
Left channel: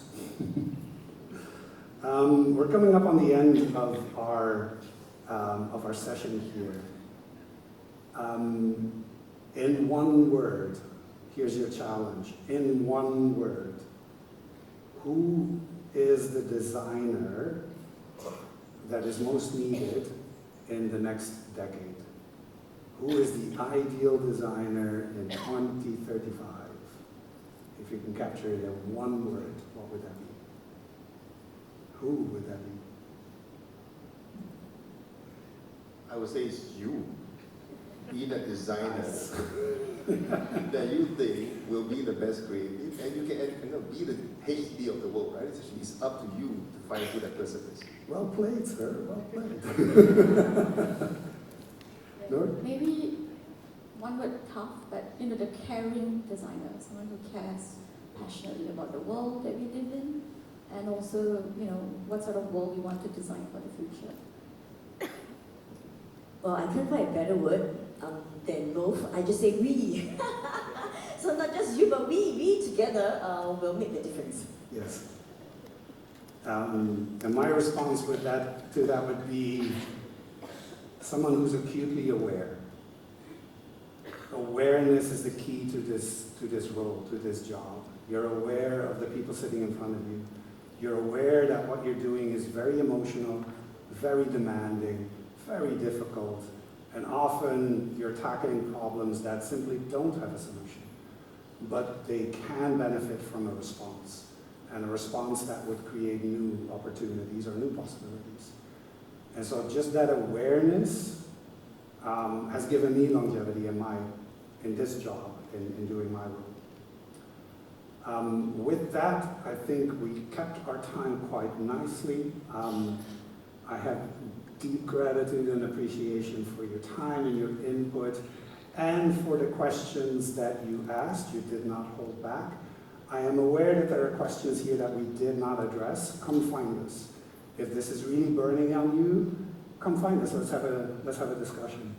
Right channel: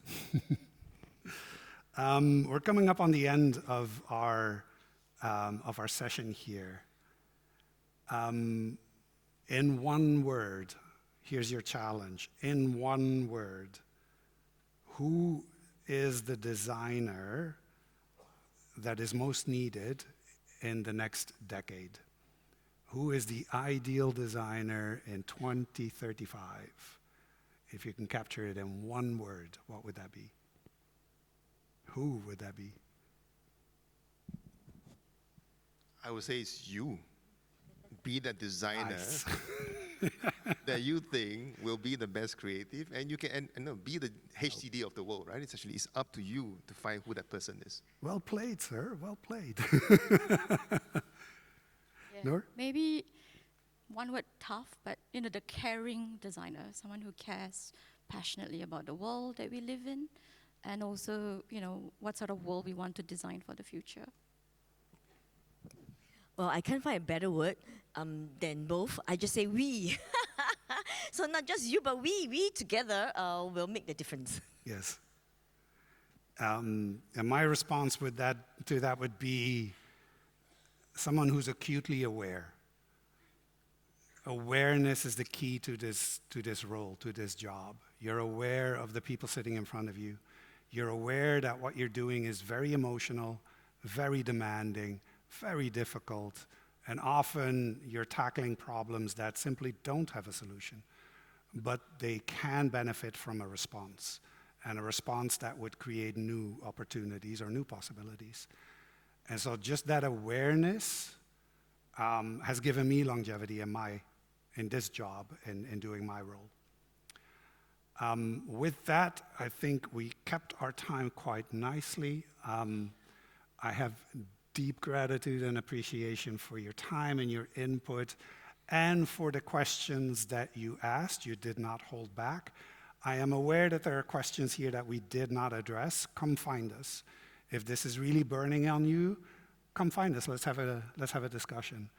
We're coming up on the end of our session here. In one word, here's your challenge. In one word, who is the designer that is most needed in the next decade? Who is the ideal designer in 2035? If you can capture it in one word, what would that be? Who would that be? I would say it's you. Be that designer that you think will be the best creative, and you can be the HTD of the world, right? It's up to you to find who that person is. Well played, sir. Well played. Maybe one word tough, but the caring designer, someone who cares passionately about the world that we live in, and also, what sort of world we want to design for the future. Well, I can't find a better word than both. I just say we. So not just you, but we together will make the difference. Yes. And my response to that would be someone who's acutely aware. Awareness is the key to this role, to this job. You're aware of the people sitting in front of you. You're aware that what you're doing is very emotional, very demanding, very difficult, and often you're tackling problems that simply don't have a solution, but they can benefit from a response, and a response that would create new opportunities or new possibilities. And so just that awareness has given me longevity in this job, in doing my role. With that, I think we kept our time quite nicely. I have deep gratitude and appreciation for your time and your input, and for the questions that you asked. You did not hold back. I am aware that there are questions here that we did not address. Come find us. If this is really burning on you, come find us. Let's have a discussion.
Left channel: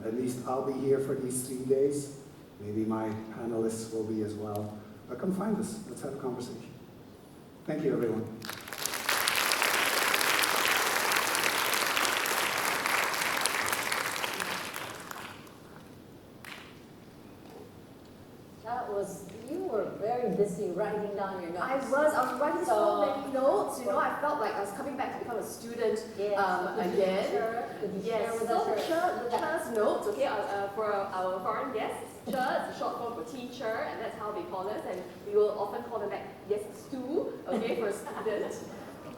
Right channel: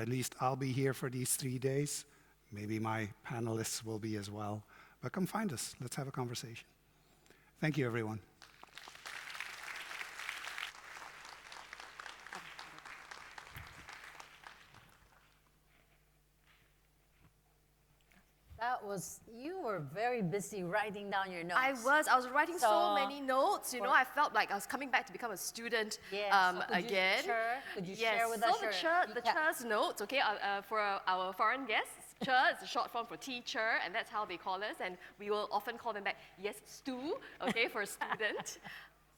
At least I'll be here for these 3 days. Maybe my panelists will be as well. But come find us. Let's have a conversation. Thank you, everyone. You were very busy writing down your notes. I was writing so many notes, I felt like I was coming back to become a student again. Yes, so the Chur's notes, okay, for our foreign guests, Chur is short form for teacher, and that's how they call us, and we will often call them back, yes, Stu, okay, for student.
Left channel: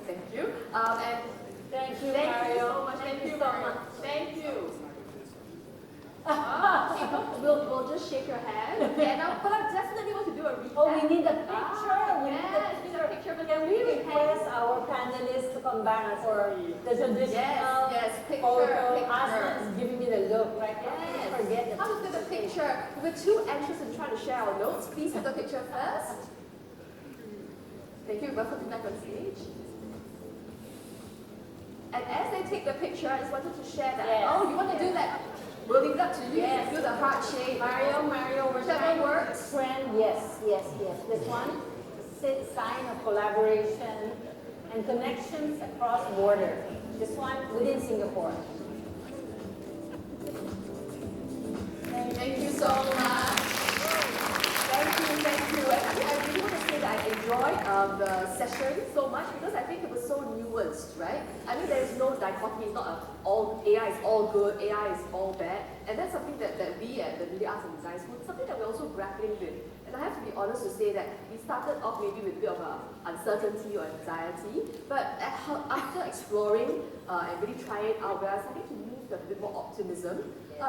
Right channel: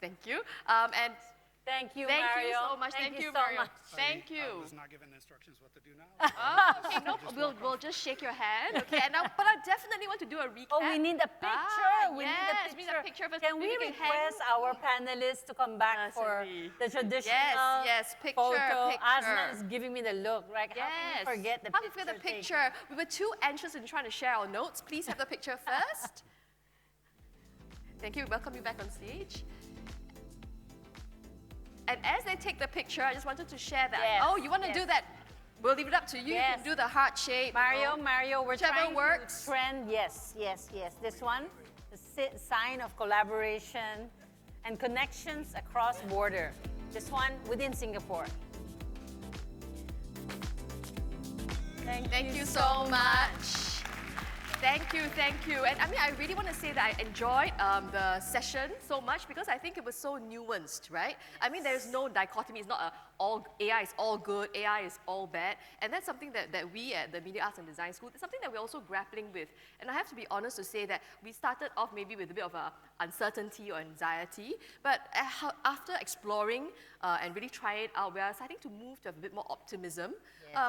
Thank you. And Thank you, thank Mario. you so much. Thank you so very much. much. Thank you. Okay, no, we'll just shake your hand. Okay, but I definitely want to do a recap. Oh, we need a picture. Yes, we need a picture. But Can we request our panelists to come back for the traditional Yes, picture, photo? picture. Ashley is giving me the look, right? Yes. Don't forget the How to get a picture? We're two anxious and trying to share our notes. Please have a picture first. Thank you. Welcome you back on stage. And as they take the picture, I just wanted to share that. Yes. Oh, you want to do that? We'll leave it up to you. Yes. Do the heart shape. Mario, we're Whichever trying works. friend. Yes. This one, sign of collaboration and connections across border. This one within Singapore. Thank you so much. Thank you. And I really want to say that I enjoyed the session so much because I think it was so nuanced, right? I mean, there's no dichotomy. It's not all AI is all good, AI is all bad. And that's something that we at the Media Arts and Design School, is something that we're also grappling with. And I have to be honest to say that we started off maybe with a bit of uncertainty or anxiety, but after exploring and really trying it out, we're starting to move to a bit more optimism,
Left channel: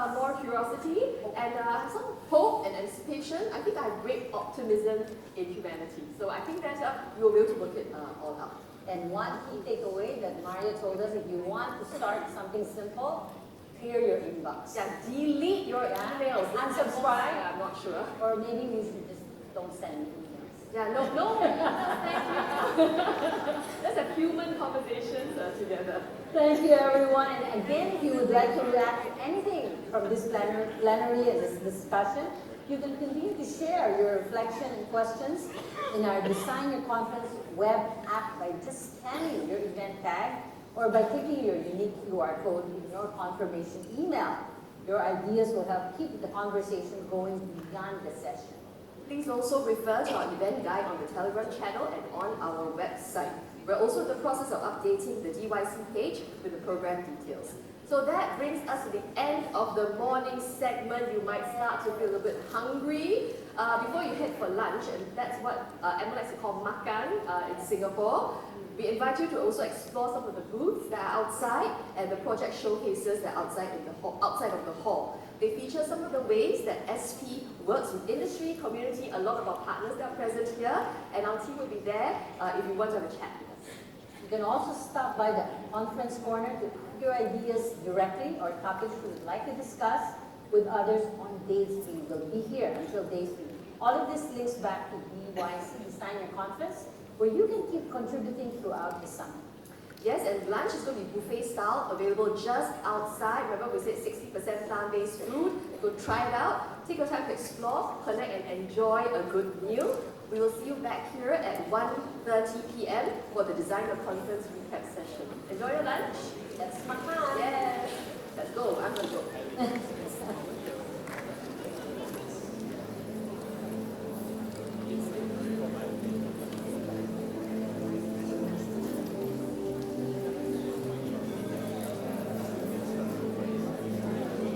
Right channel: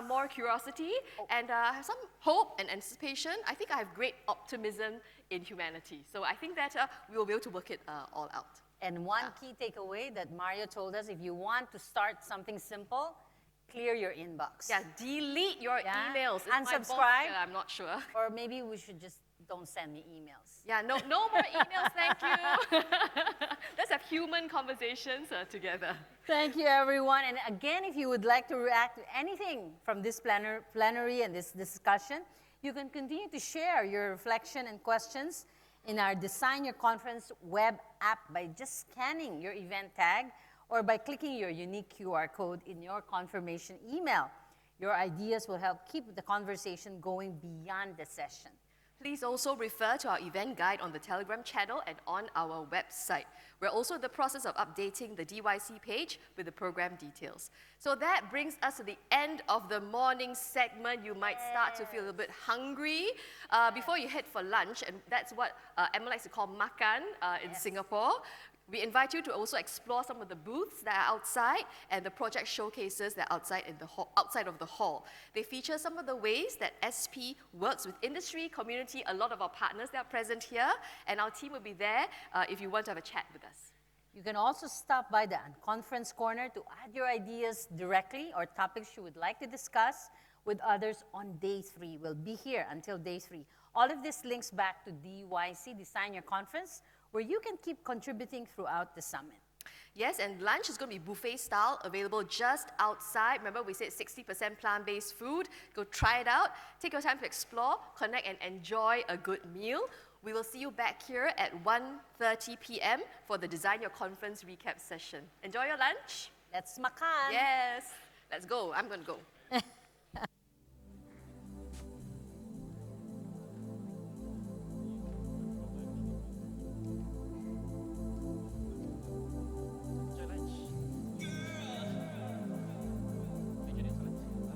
more curiosity, and some hope and anticipation. I think I have great optimism in humanity. So I think that we'll be able to work it all out. And one key takeaway that Mario told us, if you want to start something simple, clear your inbox. Yeah, delete your emails. Unsubscribe. I'm not sure. Or maybe we should just don't send me emails. Yeah, no emails, thank you. Let's have human conversations together. Thank you, everyone. And again, if you would like to react to anything from this plenary and this discussion, you can continue to share your reflection and questions in our Design Your Conference web app by just scanning your event tag or by clicking your unique QR code in your confirmation email. Your ideas will help keep the conversation going beyond the session. Please also refer to our event guide on the Telegram channel and on our website. We're also in the process of updating the DYC page with the program details. So that brings us to the end of the morning segment. You might start to feel a bit hungry before you head for lunch, and that's what MLX call makan in Singapore. We invite you to also explore some of the booths that are outside and the project showcases that are outside of the hall. They feature some of the ways that SP works with industry, community, a lot of our partners that are present here, and our team will be there if you want to have a chat with us. You can also stop by the conference corner to add your ideas directly or topics you would like to discuss with others on day 3. We'll be here until day 3. All of this links back to DYC Designer Conference, where you can keep contributing throughout the summer. Yes, and lunch is going to be buffet style, available just outside. Remember we said 60% plant-based food. Go try it out. Take your time to explore, connect, and enjoy a good meal. We will see you back here at 1:30 p.m. for the Designer Conference recap session.